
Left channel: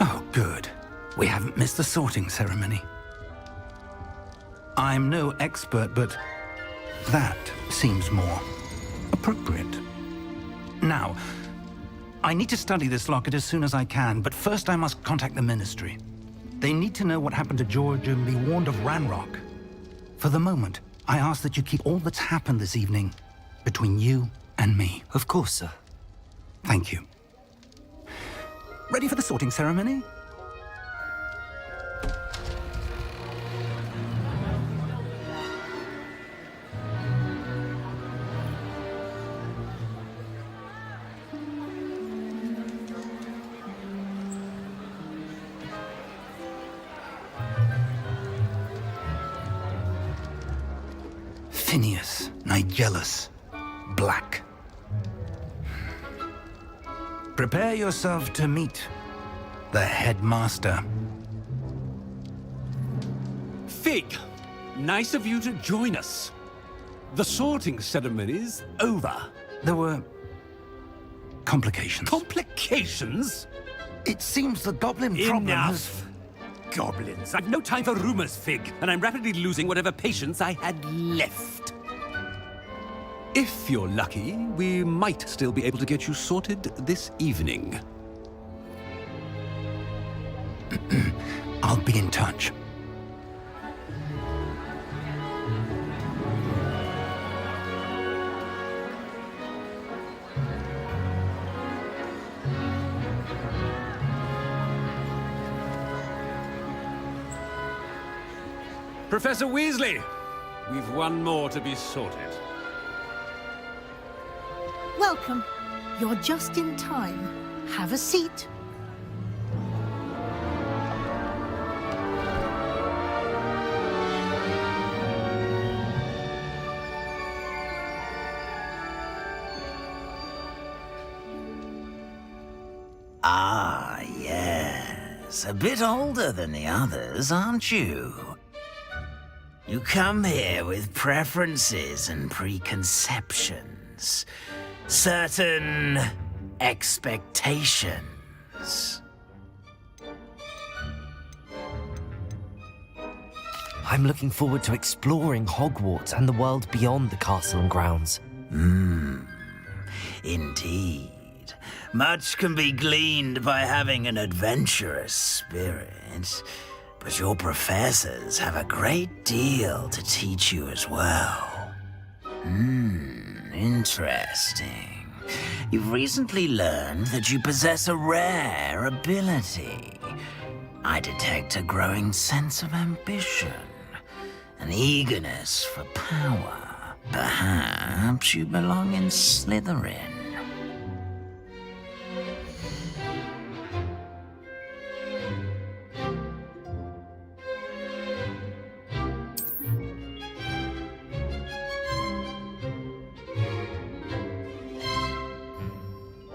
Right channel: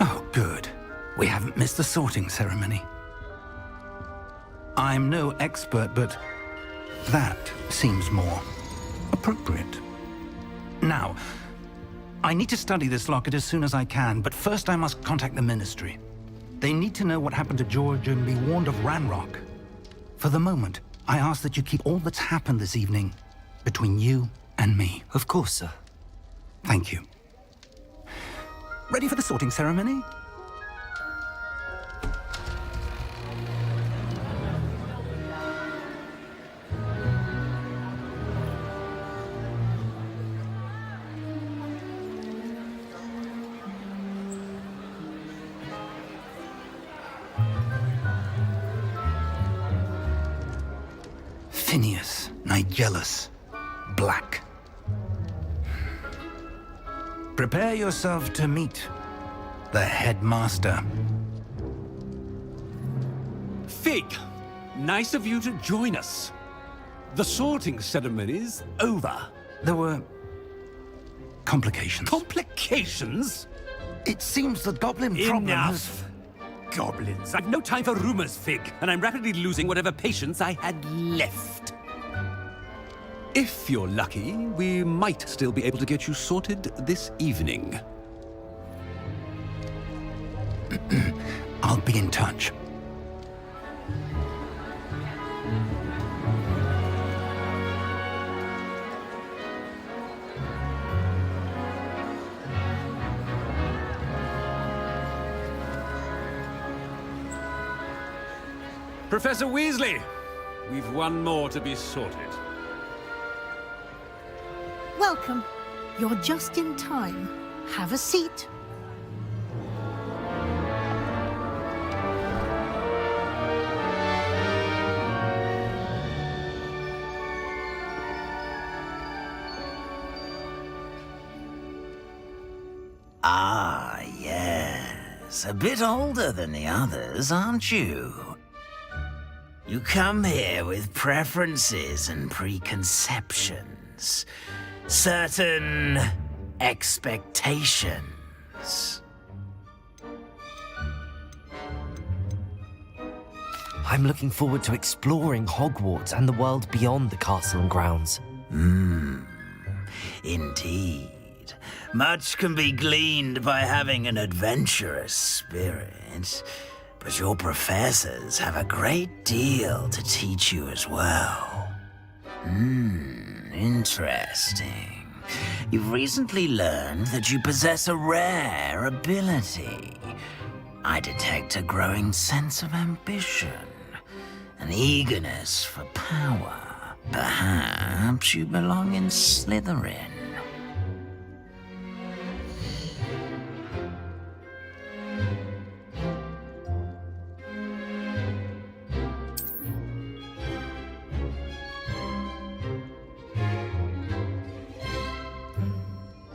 Oh, good. We haven't missed the sorting ceremony. I'm no expert, but that seems more appropriate. Now, I need to study this locket as soon as I can, but first I must contact the Ministry. They need to know what happened to George and be warned of Ranrock. For the moment, I ask that you keep all that's happened this evening between you and me. Of course, sir. Thank you. Ready for the sorting ceremony? Phineas, Nigellus, Black. Prepare yourself to meet the headmaster. Fig, nice of you to join us. The sorting ceremony's over. There were complications. Complications? It seems the goblin problem has... Enough! Goblins. I've no time for rumors, Fig, and I'm rapidly losing whatever patience I had left. If you're lucky, we might still be able to get you sorted this evening. I'll be in touch. Professor Weasley, we've one more to be sorted. Welcome. You're just in time. Have a seat. Ah, yes. A bit older than the others, aren't you? You come here with preferences and preconceptions. Certain expectations. I'm looking forward to exploring Hogwarts and the world beyond the castle and grounds. Indeed. Much can be gleaned by having an adventurous spirit, but your professors have a great deal to teach you as well. Interesting. You've recently learned that you possess a rare ability. I detect a growing sense of ambition, an eagerness for power. Perhaps you belong in Slytherin.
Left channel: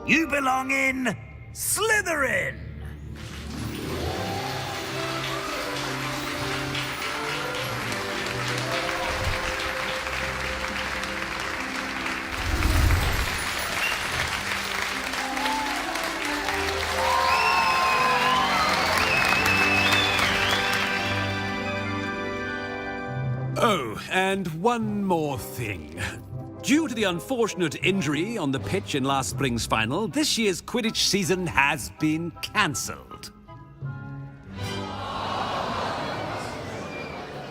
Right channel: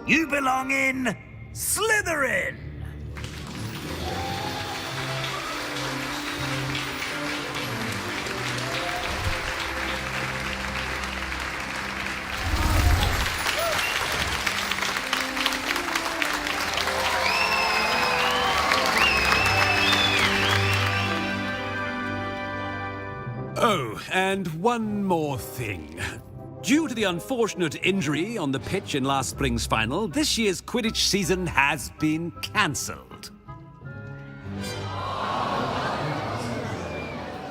You belong in Slytherin! Oh, and one more thing. Due to the unfortunate injury on the pitch in last spring's final, this year's Quidditch season has been cancelled.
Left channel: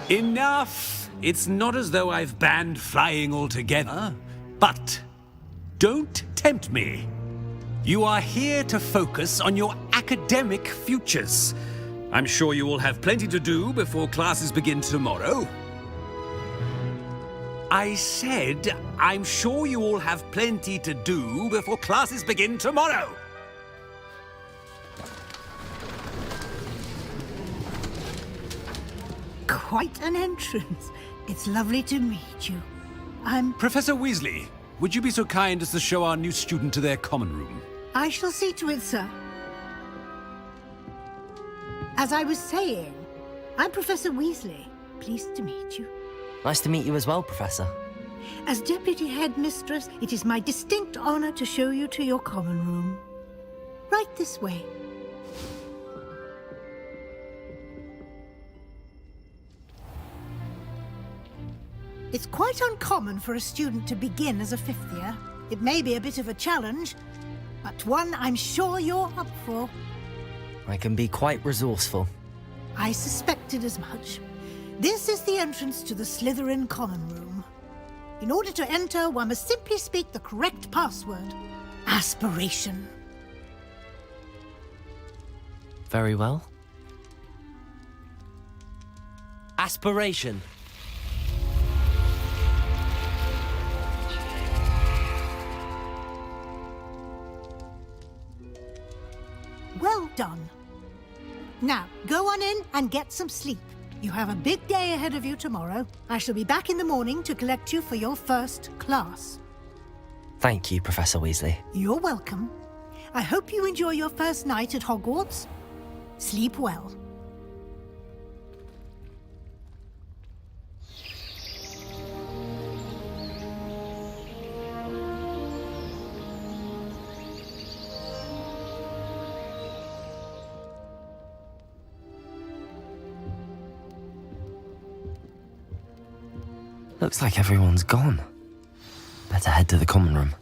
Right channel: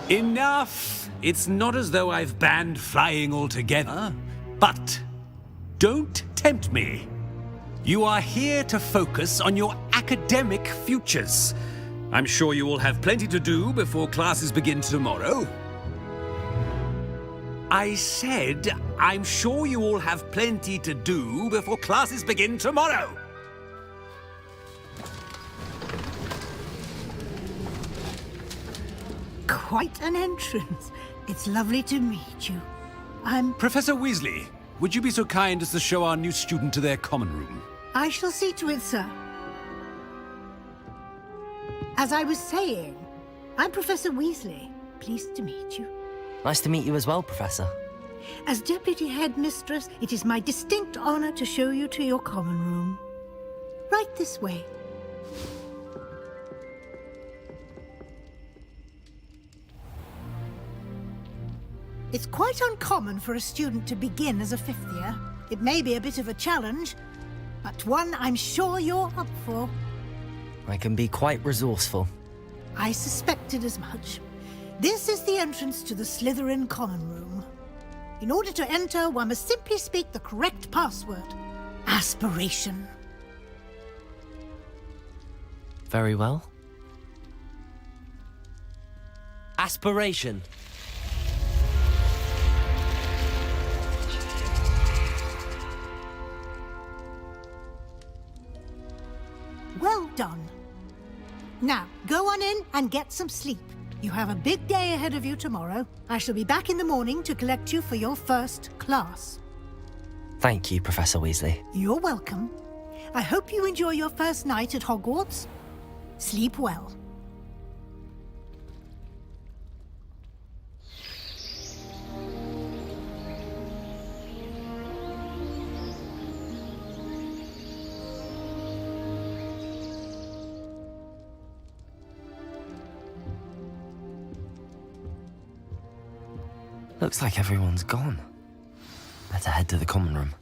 Enough! It's not as though I've banned flying altogether, but don't tempt me. You are here to focus on your academic futures. I'm sure you will have plenty to do before classes begin tomorrow. I said, I'm sure you all have plenty to do before classes begin tomorrow. Quite an entrance. It's lovely to meet you. I'm... Professor Weasley, would you be so kind as to show our new student to their common room? I shall see to it, sir. As I was saying, I'm Professor Weasley. Pleased to meet you. Nice to meet you as well, Professor. As Deputy Headmistress, it is my distinct honor to show you to your common room. Right this way. It's quite uncommon for a student to begin as a fifth year. It may be a bit of a challenge, but one I'm sure you're up for. I can be quite resourceful. I suspected as much. This is the entrance to the Slytherin common room. In order to enter, one must simply speak the correct password. Aspiration. Very well. Aspiration. Well done. Now, go on in and get some sleep. You have a big day ahead of you tomorrow. I shall be back in the morning to collect you for your first class. Thank you, Professor Weasley. You're welcome. I hope you enjoy your first night at Hogwarts. Sleep well. Looks like everyone's gone. Better head to the common room.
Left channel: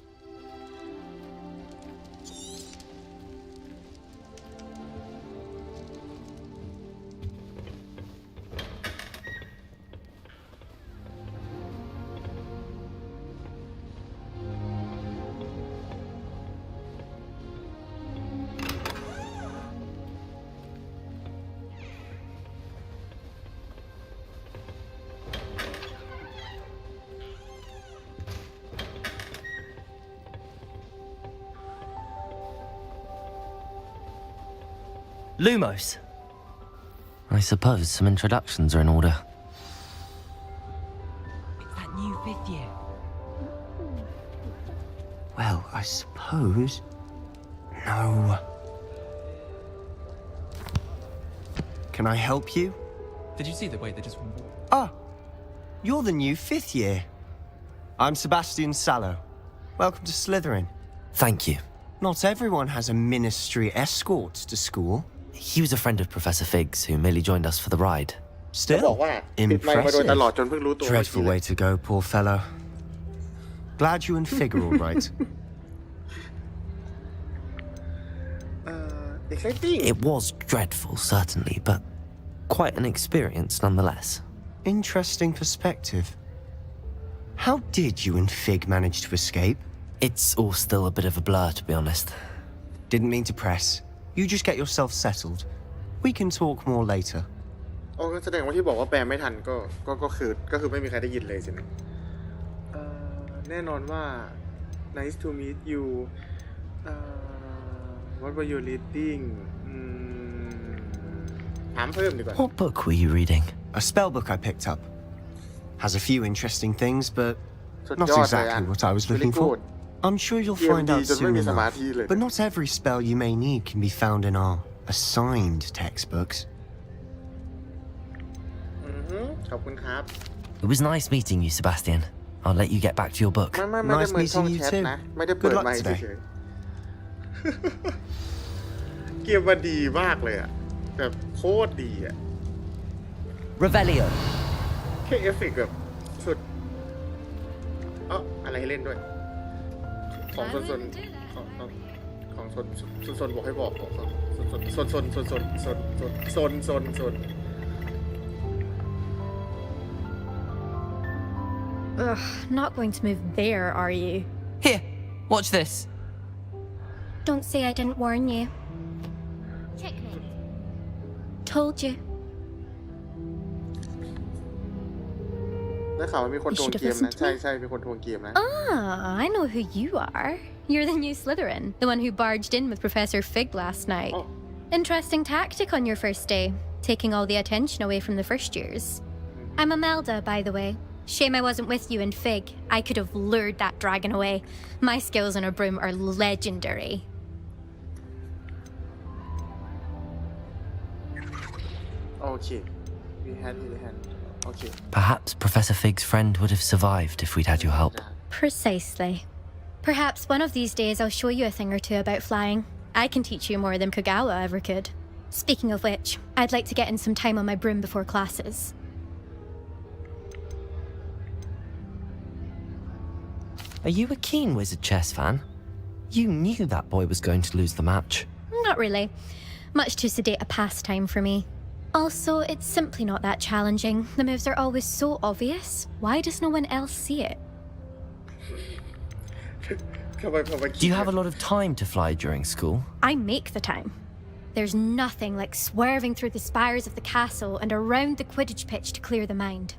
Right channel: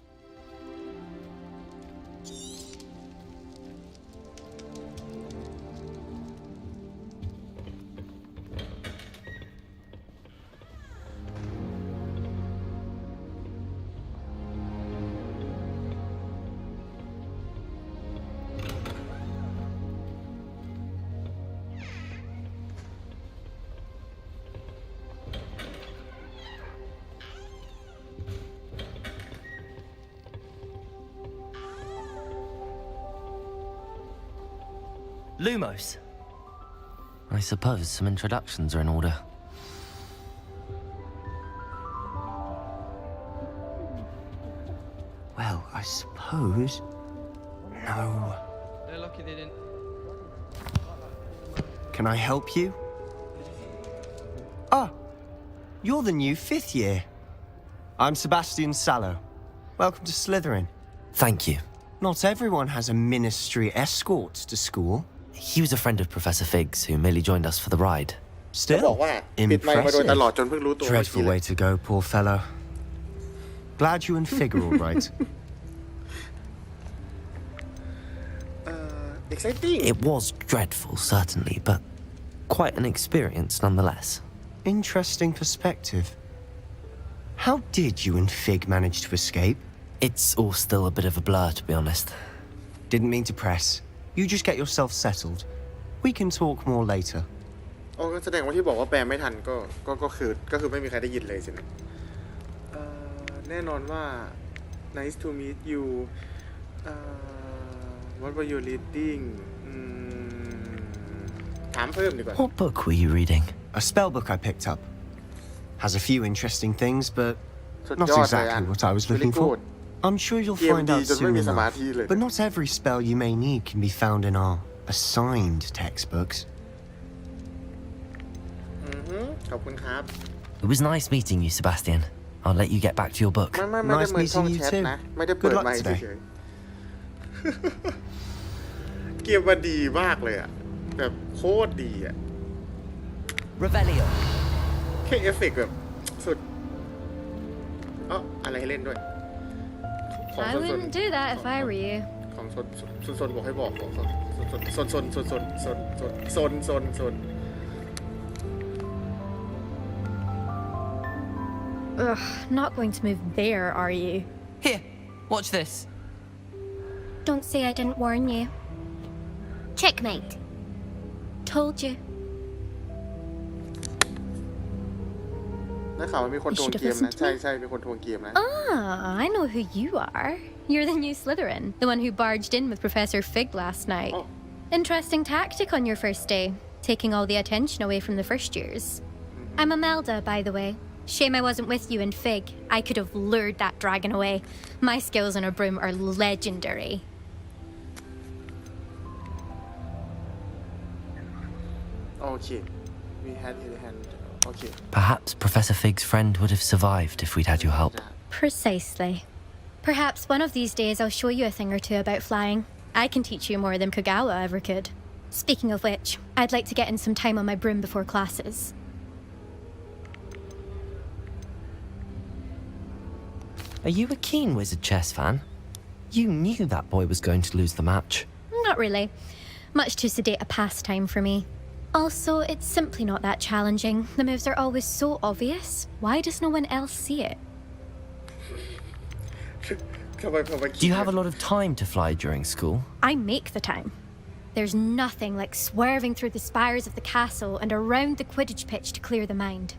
Lumos. I suppose some introductions are in order. That new fifth year. Well, I suppose... No. Can I help you? Did you see the way they just went? Ah, you're the new fifth year. I'm Sebastian Sallow. Welcome to Slytherin. Thank you. Not everyone has a ministry escort to school. He was a friend of Professor Fig's who merely joined us for the ride. บอก Still, ว่าปิดไมค์มาโดยตลอด impressive. จนเพิ่งรู้ตัว Dreadful way to go, poor fellow. Glad you and Fig are all right. exciting It was dreadful, certainly, but quite an experience nonetheless. Interesting perspective. How did you and Fig manage to escape? It's all still a bit of a blur, to be honest. Didn't mean to press. You just get yourself settled. We can talk more later. โอ้ก็แสดงว่าที่บอกว่าแปลไม่ทันก็คือไม่มีใครได้ยินเลยสินะแน่นอนว่า nice to meet you what were you reading ถามเพิ่มดีกว่า What book were you reading? A spell book I picked up. Has a few interesting things, but สุด not ยอดเลย exactly what I was Very looking for. good. I'm sure you'll เกม find ดี out จนไม่ soon มีสมา enough. ธิเลย But not every spell you may need can be found in our assigned textbooks. ขอบคุณครับ It was nice meeting you, Sebastian. I'll let you get back to your book. ไม่ได้ Nice เหมือนช่อง meeting you แชท too. นะไม่ได้เปิด Good luck ไมค์ today. เฉยๆเกมมันดีมากเลยอ่ะแบบโคตรดีอ่ะ Revelio. แค่เอฟเฟกต์แบบสุดอะไรให้เล่นด้วย ของ I ซน wouldn't do that if I were you. ของซนบอกให้บอกของซน Ugh, not going to move there, are you? Here, watch this. Don't say I didn't warn you. Checkmate. Told you. ได้ข่าวว่ามีคนทวงเกมนะ ใช่มีคนทวงเกมนะ Ah, I know who you are. You're the new Slytherin, the one who barged in with Professor Fig last night. Interesting tactic on your first day, taking all the attention away from the first years. I'm Imelda, by the way. Shame I wasn't with you in Fig. I could have lured that dragon away. My skills on a broom are legendary. Okay. We had his hand. Okay. Perhaps Professor Fig's friend would have survived if we'd had your help. Precisely. Perhaps one of these days I'll show you a thing or two about flying. I can teach you more than Kagawa ever could. Speaking of which, I'd like to get in some time on my broom before classes. Are you a keen Wizard chess fan? You knew that boy was going to lose the match. Not really. Much too sedate a pastime for me. Also, it's simply not that challenging. The moves are always so obvious. Why does no one else see it? Do you have a lot of time to fly during school? I make the time. There's nothing like swerving through the spires of the castle and around the Quidditch pitch to clear the mind.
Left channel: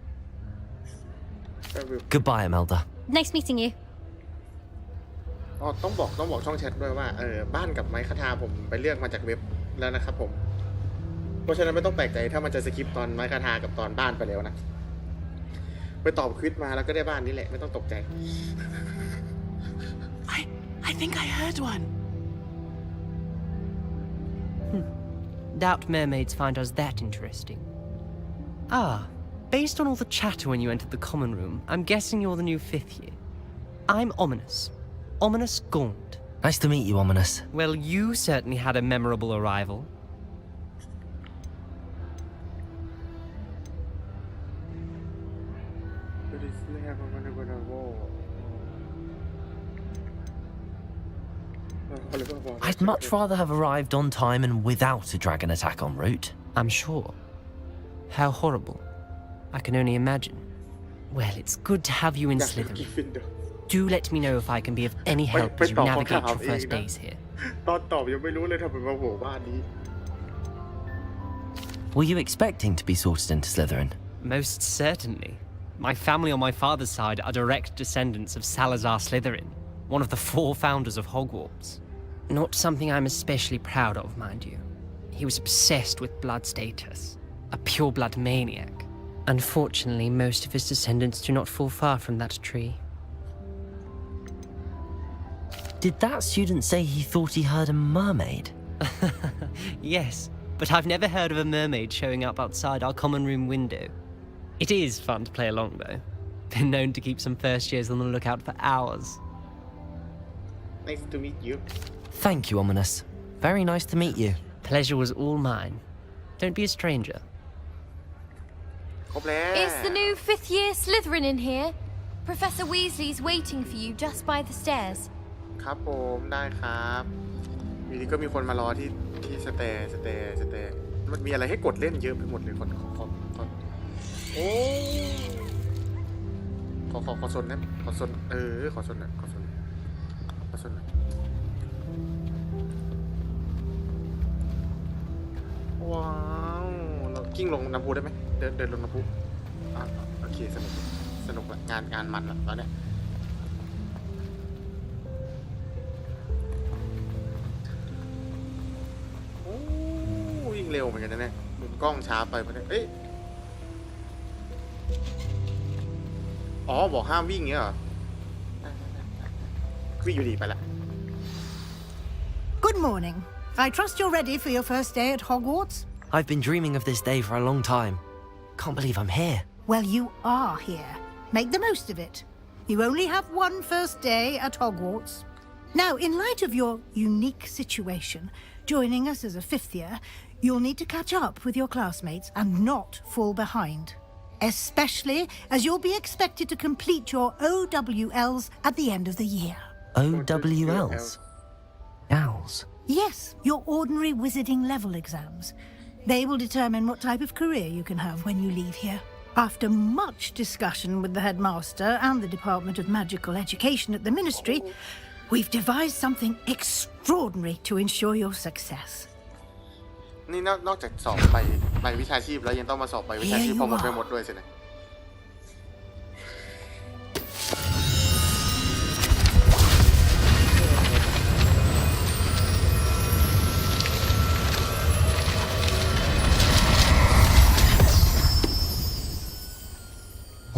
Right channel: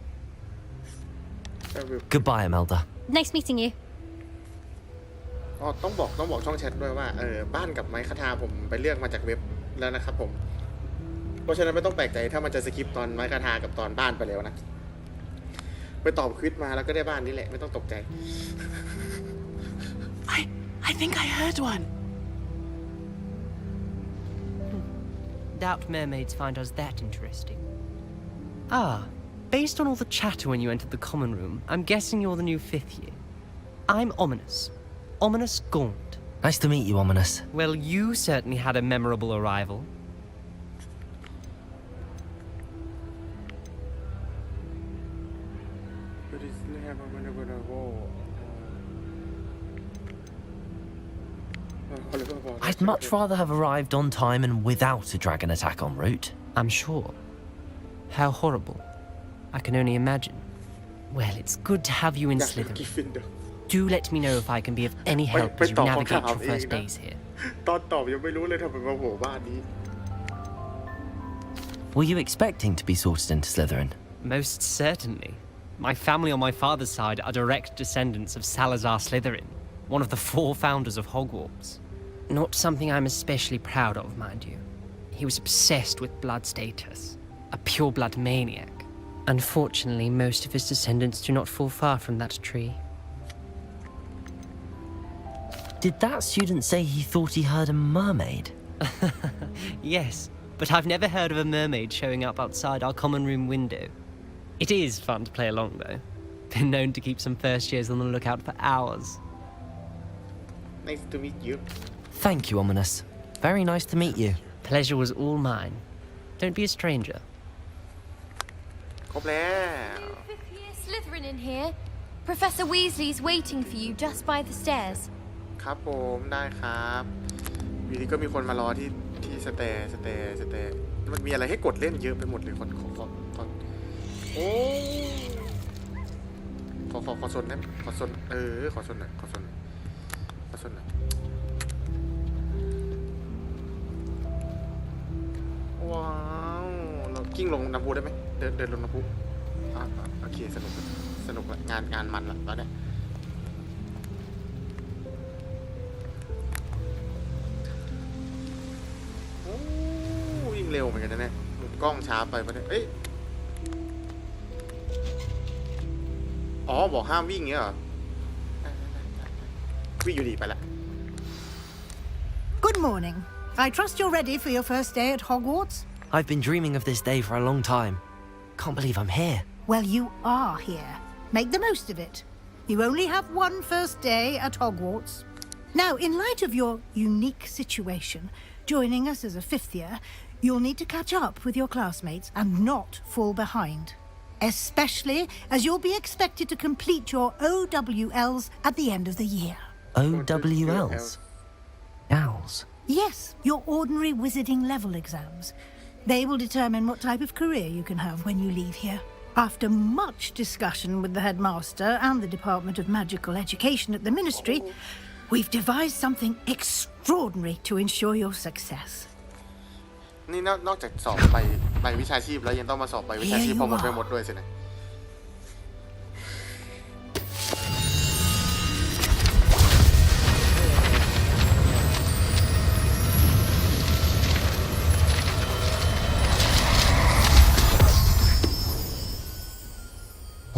Goodbye, Imelda. Nice meeting you. อ๋อต้องบอกช่องแชทด้วยว่าบ้านกับไม้คทาผมไปเลือกมาจากเว็บแล้วนะครับผมเพราะฉะนั้นไม่ต้องแปลกใจถ้ามันจะสคิปตอนไม้คทากับตอนบ้านไปแล้วนะไปตอบควิซมาแล้วก็ได้บ้านนี้แหละไม่ต้องตกใจ I think I heard one. Doubt mermaids find us that interesting. Ah, based on all the chatter when you entered the common room, I'm guessing you're the new 5th year. I'm Ominous. Ominous Gaunt. Nice to meet you, Ominous. Well, you certainly had a memorable arrival. I'd much rather have arrived on time and without a dragon attack en route. I'm sure. How horrible. I can only imagine. Well, it's good to have you in Slytherin. Do let me know if I can be of any help as you navigate your first days here. ตอนตอบยังไม่รู้เลยทำไมมาโผล่บ้านนี้ Were you expecting to be sorted into Slytherin? Most certainly. My family on my father's side are direct descendants of Salazar Slytherin, one of the 4 founders of Hogwarts. Not something I'm especially proud of, mind you. He was obsessed with blood status, a pure-blood maniac. Unfortunately, most of his descendants do not fall far from that tree. Did that student say he thought he heard a mermaid? Yes, but I've never heard of a mermaid showing up outside our common room window. It is fun to play along, though. Been known to keep some first years on the lookout for hours. Nice to meet you. Thank you, Ominous. Very nice to meet you. Pleasure was all mine. Don't be a stranger. ครบแล้ว Is the new 5th year Slytherin in here? Professor Weasley's waiting for you just by the stairs. ครับผมได้ครับอยู่ดีก็มีคนมารอที่สเตย์มันมีอะไรให้กดเล่นเยอะไปหมดเลยโอ้ขอสนนะขอสนขอสนหน่อยว้าวเรากิ้งลงน้ำพุได้ไหมเดินลงน้ำพุโอเคสนุกละงานมันละตอนเนี้ยโอ้วิ่งเร็วเหมือนกันนะเนี่ยมุมกล้องช้าไปปะเนี่ยเอ้ยอ๋อบอกห้ามวิ่งเงี้ยเหรอวิ่งอยู่ดีไปละ Good morning. I trust you're ready for your first day at Hogwarts? I've been dreaming of this day for a long time. Can't believe I'm here. Well, you are here. Make the most of it. You only have one first day at Hogwarts. Now, in light of your unique situation, joining us as a 5th year, you'll need to catch up with your classmates and not fall behind. Especially as you'll be expected to complete your OWLs at the end of the year. OWLs? Owls? Yes, your ordinary wizarding level exams. They will determine what type of career you can have when you leave here. After much discussion with the headmaster and the Department of Magical Education at the Ministry, we've devised something extraordinary to ensure your success. นี่นอกจากสอบใบวิชาชีพแล้วยังต้องมาสอบใบวิชาชีพพอหมดไปหมดด้วยสินะ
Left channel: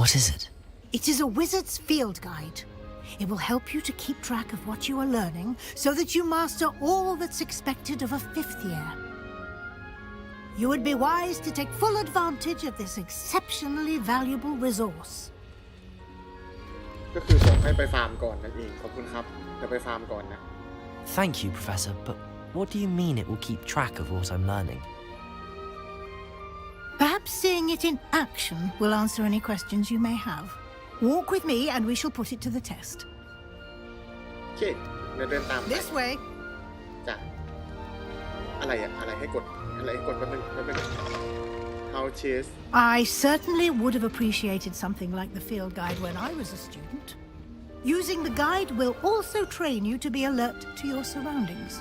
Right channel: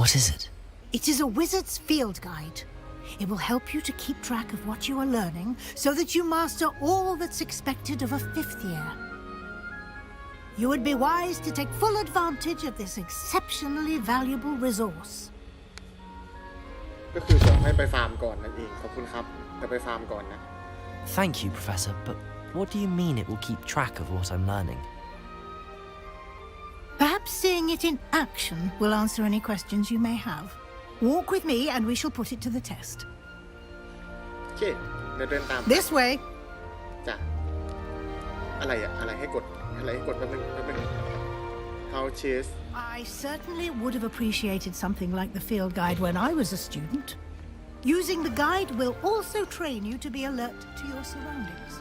What is it? It is a wizard's field guide. It will help you to keep track of what you are learning so that you master all that's expected of a 5th year. You would be wise to take full advantage of this exceptionally valuable resource. ก็คือบอกให้ไปฟาร์มก่อนนั่นเองขอบคุณครับจะไปฟาร์มก่อนนะ Thank you, Professor, but what do you mean it will keep track of what I'm learning? Perhaps seeing it in action will answer any questions you may have. Walk with me and we shall put it to the test. เคเดินตาม This way. จ้ะอะไรให้กดแป๊บนึง How chase I certainly would have appreciated something like the field guide when I was a student. Using the guide will also train you to be alert to your surroundings.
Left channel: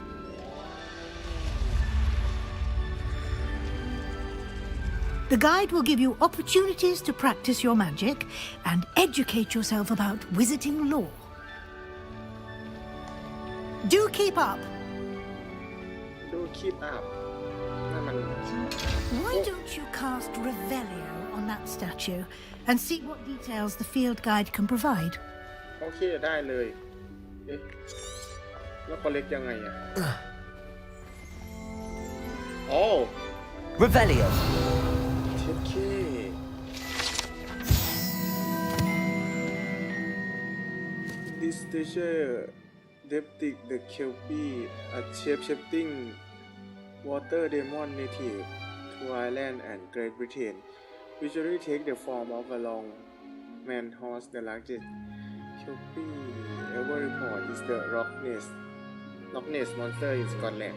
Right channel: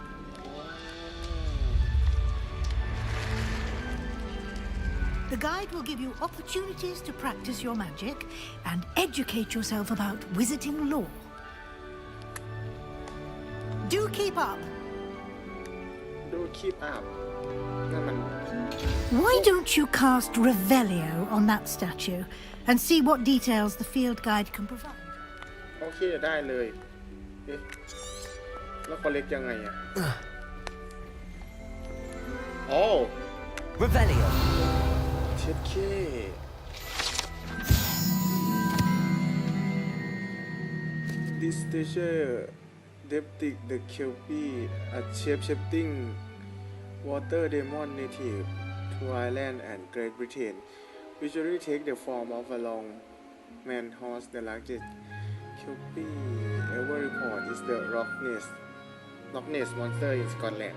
The guide will give you opportunities to practice your magic and educate yourself about wizarding lore. Do keep up.นั่นมัน Why don't you cast Revelio on that statue and see what details the field guide can provide? โอเคได้เลยเอ๊ะแล้ว collect ยังไงอ่ะอ๋อ Revelio. เช็ดเคThis treasure Deptic the Kelpie a shape-shifting water demon native to Ireland and Great Britain usually take the form of a long man horse. The largest Kelpie ever report is the Loch Ness monster in Scotland.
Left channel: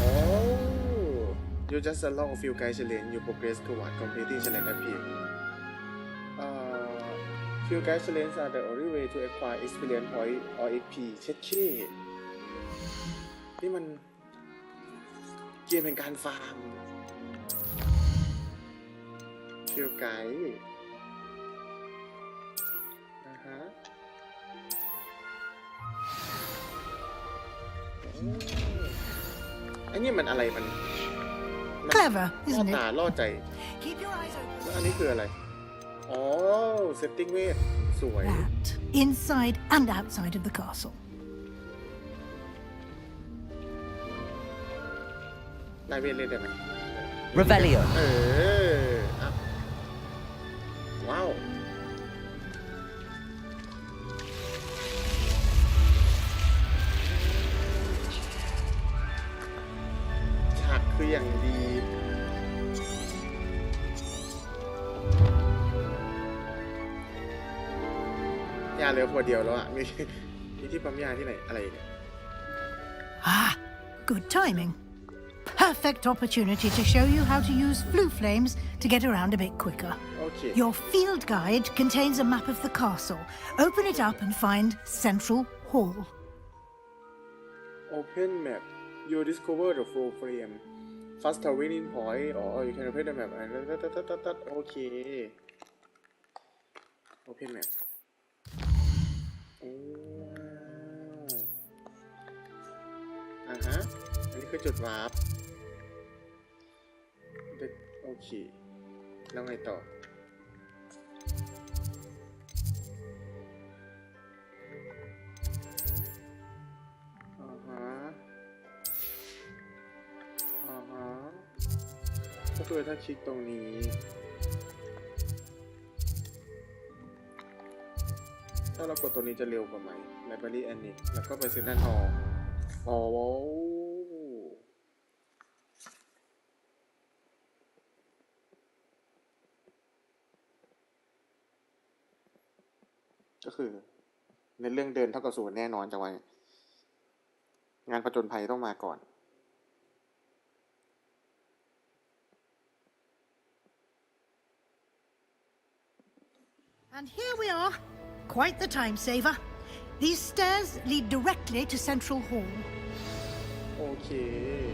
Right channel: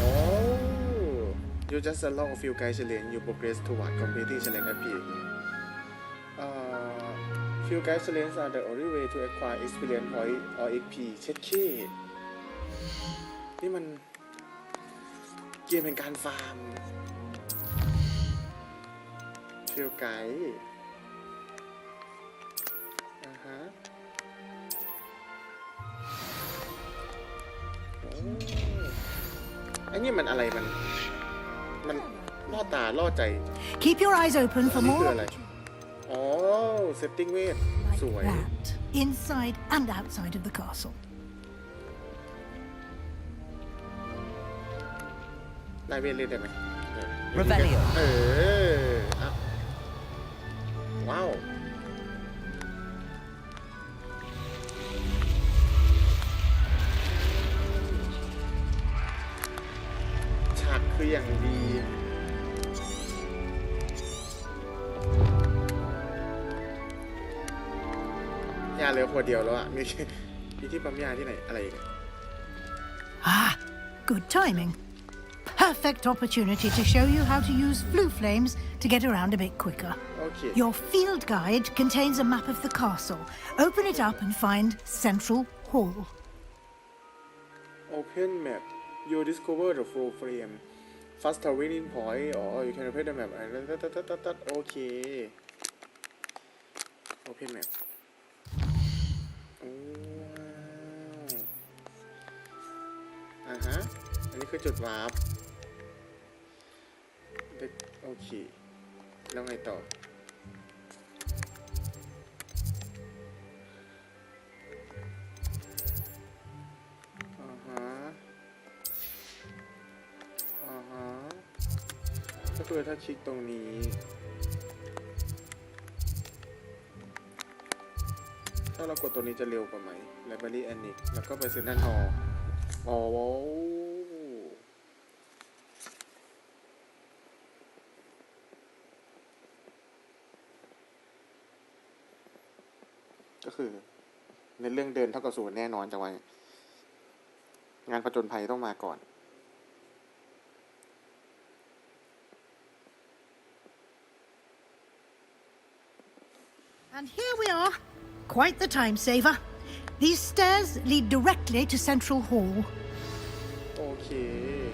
Oh, you just unlock a few guide challenge. You progress toward completing challenge at peak. Few guide challenge are the only way to acquire experience point or XP เช็ดเคนี่มันเกมแห่งการฟาร์ม Few guide ไอ้นี่มันอะไรมัน Clever, ล่อ isn't ตา it? ล่อใจ Keep your eyes open อั for นนี้คือ more อะไร อ๋อ setting เวทสวย that inside and outside of the castle. ไล่เวทเล่นได้ไหม Revelio. อ่ะว้าวฉากคืออย่างดียาเหลือขวดเดียวแล้วอ่ะมีที่ปั๊มยาที่ไหนอะไรเนี่ย Ah, good timing. Perfect opportunity to show you how to use flue flames to get around a bit quicker. Okay. Your field guide contains a map of the castle. Open it up and find Central Hall. Open map. You discover the full frame. First winning point. Or you can open the map. Okay. Open map. โอ้ว้าวฮะอันนี้คือจุดวาร์ปโอเคแล้วไงต่อก็คือถ้าคลิกตรงนี้ถ้าเรากดตัวนี้จะเร็วกว่าไหม Library Annex แล้วก็ไปเซ็นทรัลฮอลล์อ๋อก็คือในเรื่องเดินเท่ากับศูนย์แน่นอนจังหวะงานผจญภัยต้องมาก่อน And here we are. Quite the time saver. These stairs lead directly to Central Hall. Okay.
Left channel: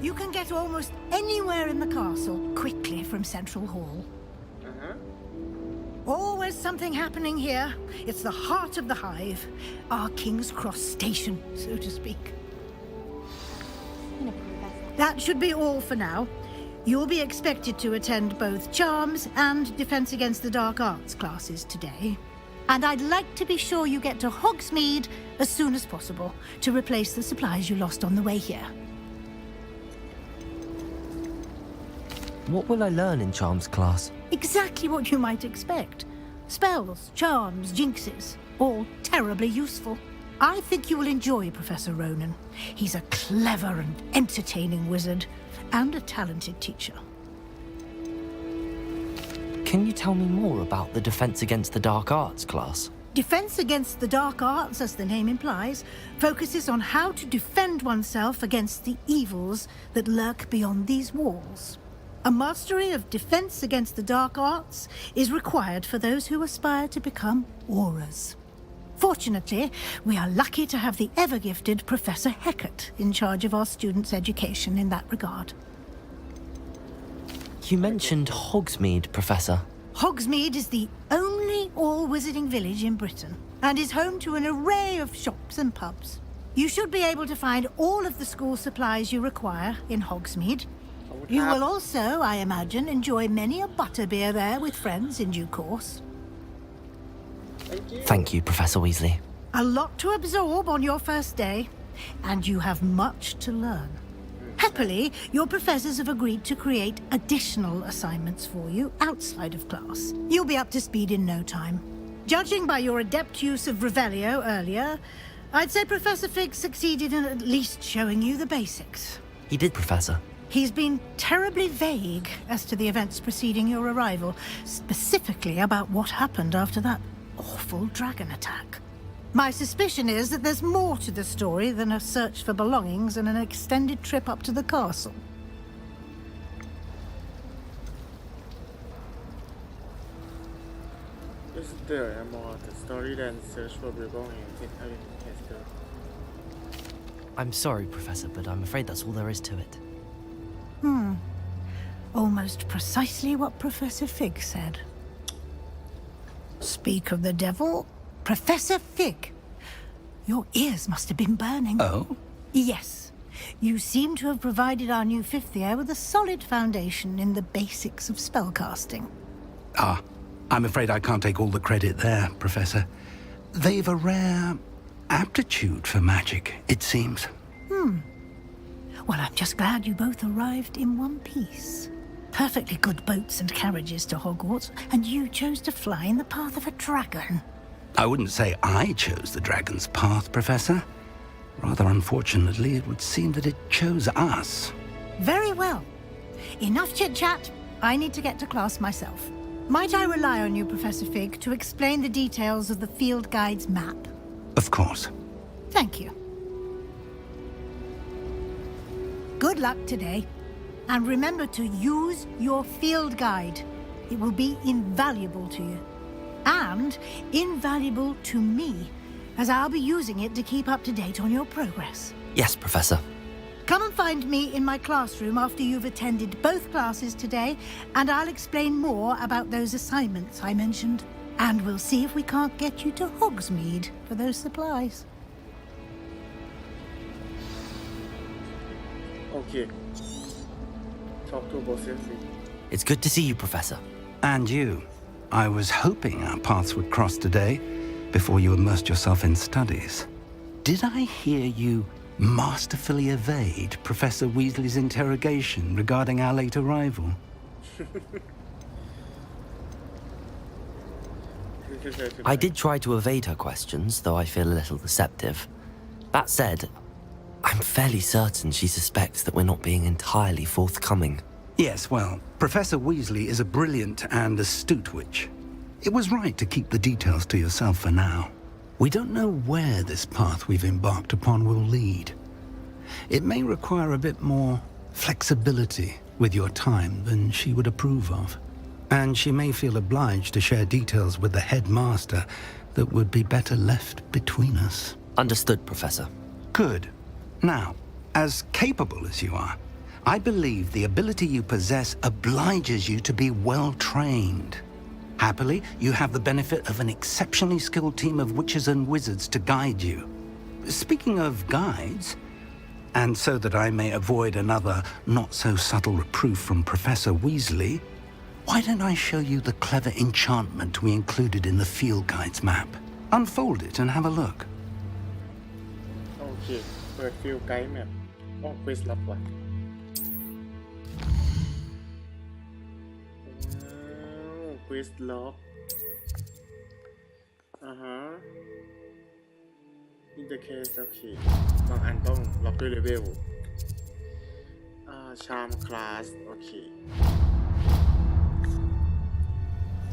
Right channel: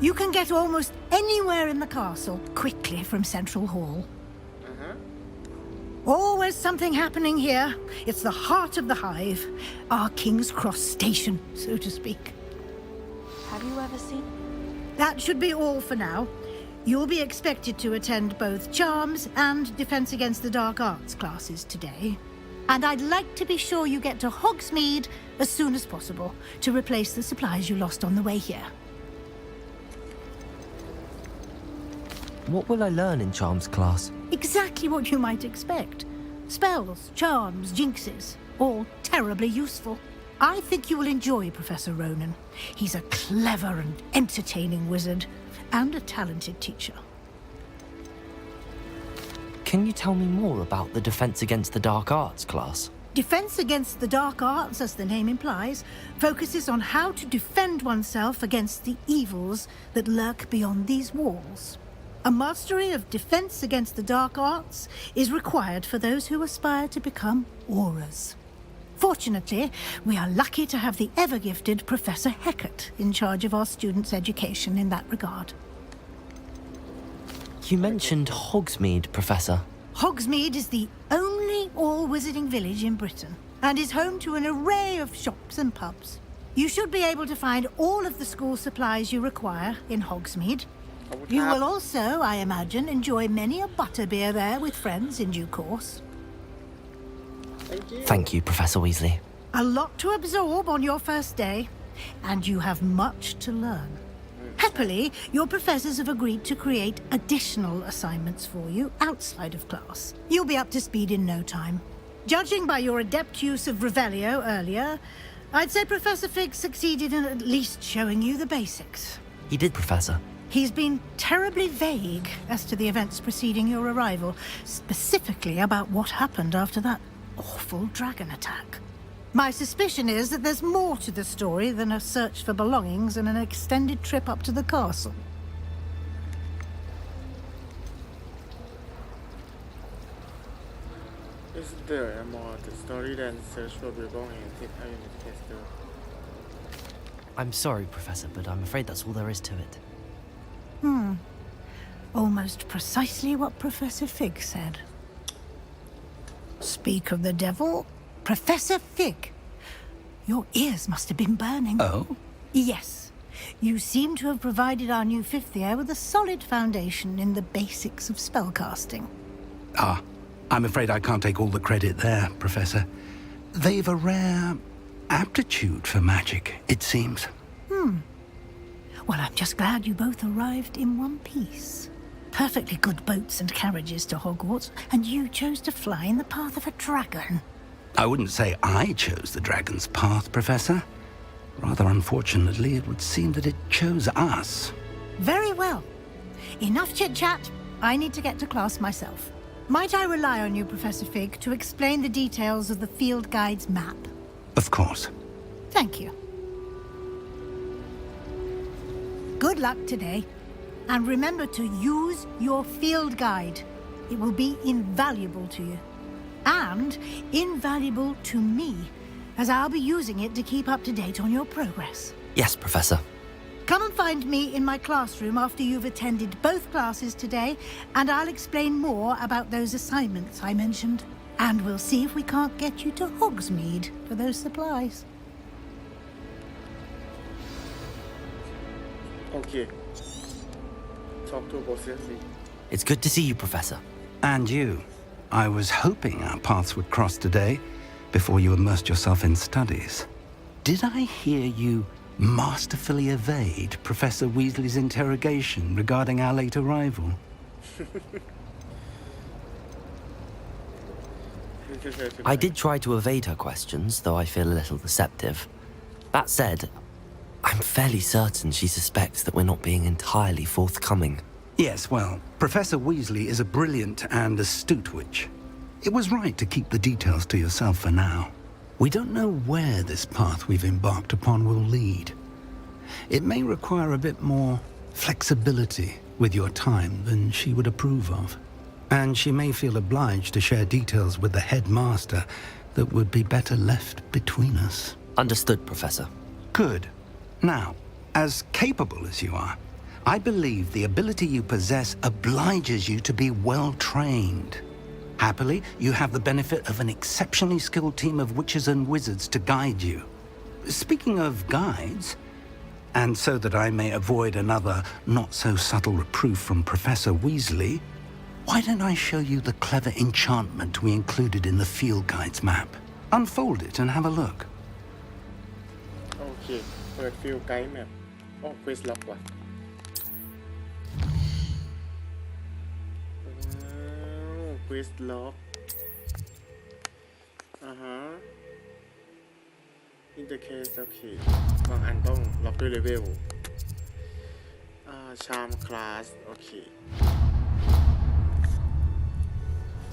You can get almost anywhere in the castle quickly from Central Hall. Always something happening here. It's the heart of the hive, our King's Cross station, so to speak. Have you ever seen a professor? That should be all for now. You'll be expected to attend both Charms and Defense Against the Dark Arts classes today. And I'd like to be sure you get to Hogsmeade as soon as possible to replace the supplies you lost on the way here. What will I learn in Charms class? Exactly what you might expect. Spells, charms, jinxes, all terribly useful. I think you will enjoy Professor Ronan. He's a clever and entertaining wizard, and a talented teacher. Can you tell me more about the Defense Against the Dark Arts class? Defense against the dark arts, as the name implies, focuses on how to defend oneself against the evils that lurk beyond these walls. A mastery of defense against the dark arts is required for those who aspire to become auras. Fortunately, we are lucky to have the ever-gifted Professor Hecat in charge of our students' education in that regard. You mentioned Hogsmeade, Professor. Hogsmeade is the only all-wizarding village in Britain and is home to an array of shops and pubs. You should be able to find all of the school supplies you require in Hogsmeade. You will also, I imagine, enjoy many a butterbeer there with friends in due course. Thank you, Professor Weasley. A lot to absorb on your first day, and you have much to learn. Happily, your professors have agreed to create additional assignments for you outside of class. You'll be up to speed in no time. Judging by your adept use of Revelio earlier, I'd say Professor Fig succeeded in at least showing you the basics. He did, Professor. He's been terribly vague as to the events preceding your arrival, specifically about what happened after that awful dragon attack. My suspicion is that there's more to the story than a search for belongings and an extended trip up to the castle. Is there more to the story than search for belongings in the castle? I'm sorry, Professor, but I'm afraid that's all there is to it. Almost precisely what Professor Fig said. Speak of the devil, Professor Fig. Your ears must have been burning. Oh? Yes. You seem to have provided our new fifth year with a solid foundation in the basics of spellcasting. I'm afraid I can't take all the credit there, Professor. They've a rare aptitude for magic, it seems. Well, I'm just glad you both arrived in one piece. Perfectly good boats and carriages to Hogwarts, and you chose to fly in the path of a dragon. I wouldn't say I chose the dragon's path, Professor. Rather unfortunately, it would seem that it chose us. Very well. Enough chit-chat. I need to get to class myself. Might I rely on you, Professor Fig, to explain the details of the field guide's map? Of course. Thank you. Good luck today. And remember to use your field guide. It will be invaluable to you. And invaluable to me, as I'll be using it to keep up to date on your progress. Yes, Professor. Come and find me in my classroom after you've attended both classes today, and I'll explain more about those assignments I mentioned. And we'll see if we can't get you to Hogsmeade for those supplies. Okay. Talk to both of you. It's good to see you, Professor. And you. I was hoping our paths would cross today before you immersed yourself in studies. Did I hear you masterfully evade Professor Weasley's interrogation regarding our late arrival? I did try to evade her questions, though I feel a little deceptive. That said, I'm fairly certain she suspects that we're not being entirely forthcoming. Yes, well, Professor Weasley is a brilliant and astute witch. It was right to keep the details to yourself for now. We don't know where this path we've embarked upon will lead. It may require a bit more flexibility with your time than she would approve of. And she may feel obliged to share details with the headmaster that would be better left between us. Understood, Professor. Good. Now, as capable as you are, I believe the ability you possess obliges you to be well trained. Happily, you have the benefit of an exceptionally skilled team of witches and wizards to guide you. Speaking of guides, and so that I may avoid another not-so-subtle reproof from Professor Weasley, why don't I show you the clever enchantment we included in the field guide's map? Unfold it and have a look. Okay, เปิด field guide map อ๋อ quiz lock ว่ะ quiz lock in the case โอเคบางอันต้องล็อกด้วยเลเวลcharm class โอเค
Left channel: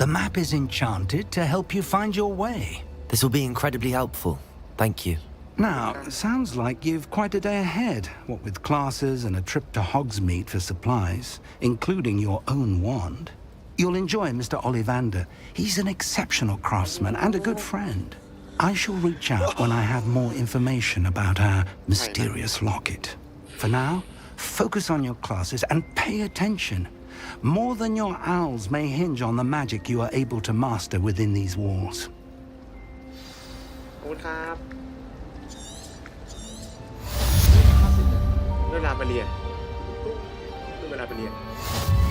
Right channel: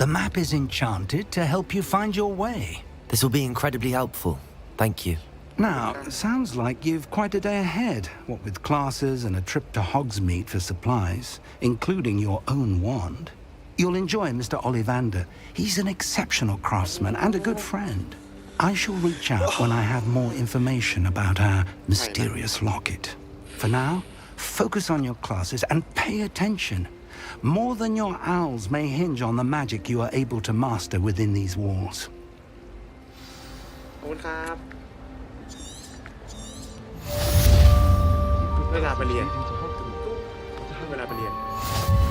The map is enchanted to help you find your way. This will be incredibly helpful. Thank you. Now, sounds like you've quite a day ahead, what with classes and a trip to Hogsmeade for supplies, including your own wand. You'll enjoy Mr. Ollivander. He's an exceptional craftsman and a good friend. I shall reach out when I have more information about our mysterious locket. For now, focus on your classes and pay attention. More than your owls may hinge on the magic you are able to master within these walls. ขอบคุณครับเวลาไปเรียนเวลาไปเรียน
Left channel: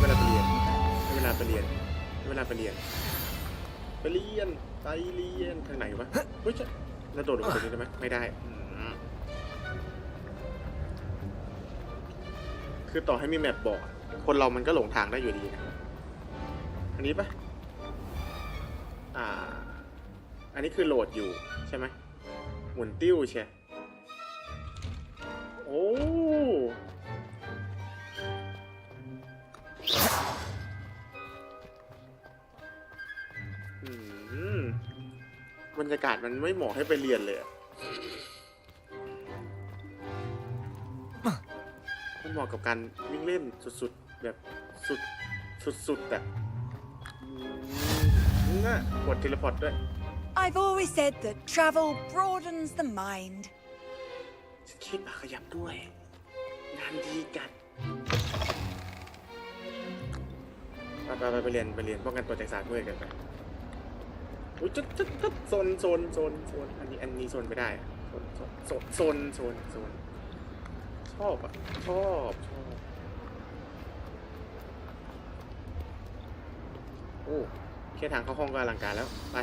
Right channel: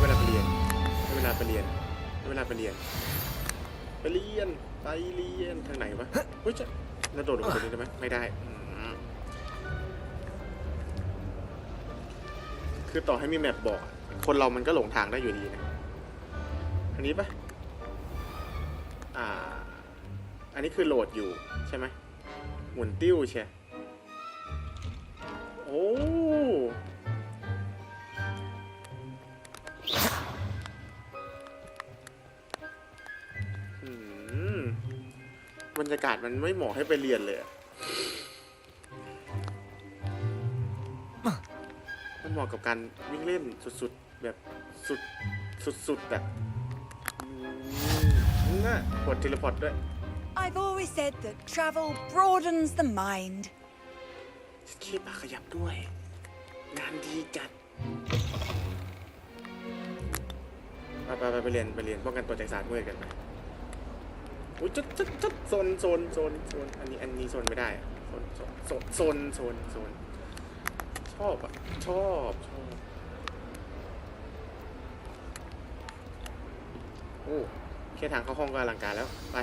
เวลาไปเรียนเวลาไปเรียนเวลาไปเรียนไปเรียนไปเรียนทางไหนวะเฮ้ยจะเราโดดลงไปตรงนี้ได้ไหมไม่ได้คือต่อให้มีแมปบอกคนเรามันก็หลงทางได้อยู่ดีนะอันนี้ปะอันนี้คือโหลดอยู่ใช่ไหมหมุนติ้วใช่โอ้บรรยากาศมันไม่เหมาะให้ไปเรียนเลยมันเหมาะกับการวิ่งเล่นสุดๆแบบสุดๆแบบน่ะกดเทเลพอร์ตด้วย I've always said that travel broadens the mind. คิดมาขยับด้วยงานดีจัดไปเรียนป้องกันตัวจากศาสตร์มืดกันไปอุ้ยจุดโซนอันนี้โซนไม่ได้อะโซนชอบอ่ะชอบโอ้แค่ทางเข้าห้องก็อลังการแล้วไป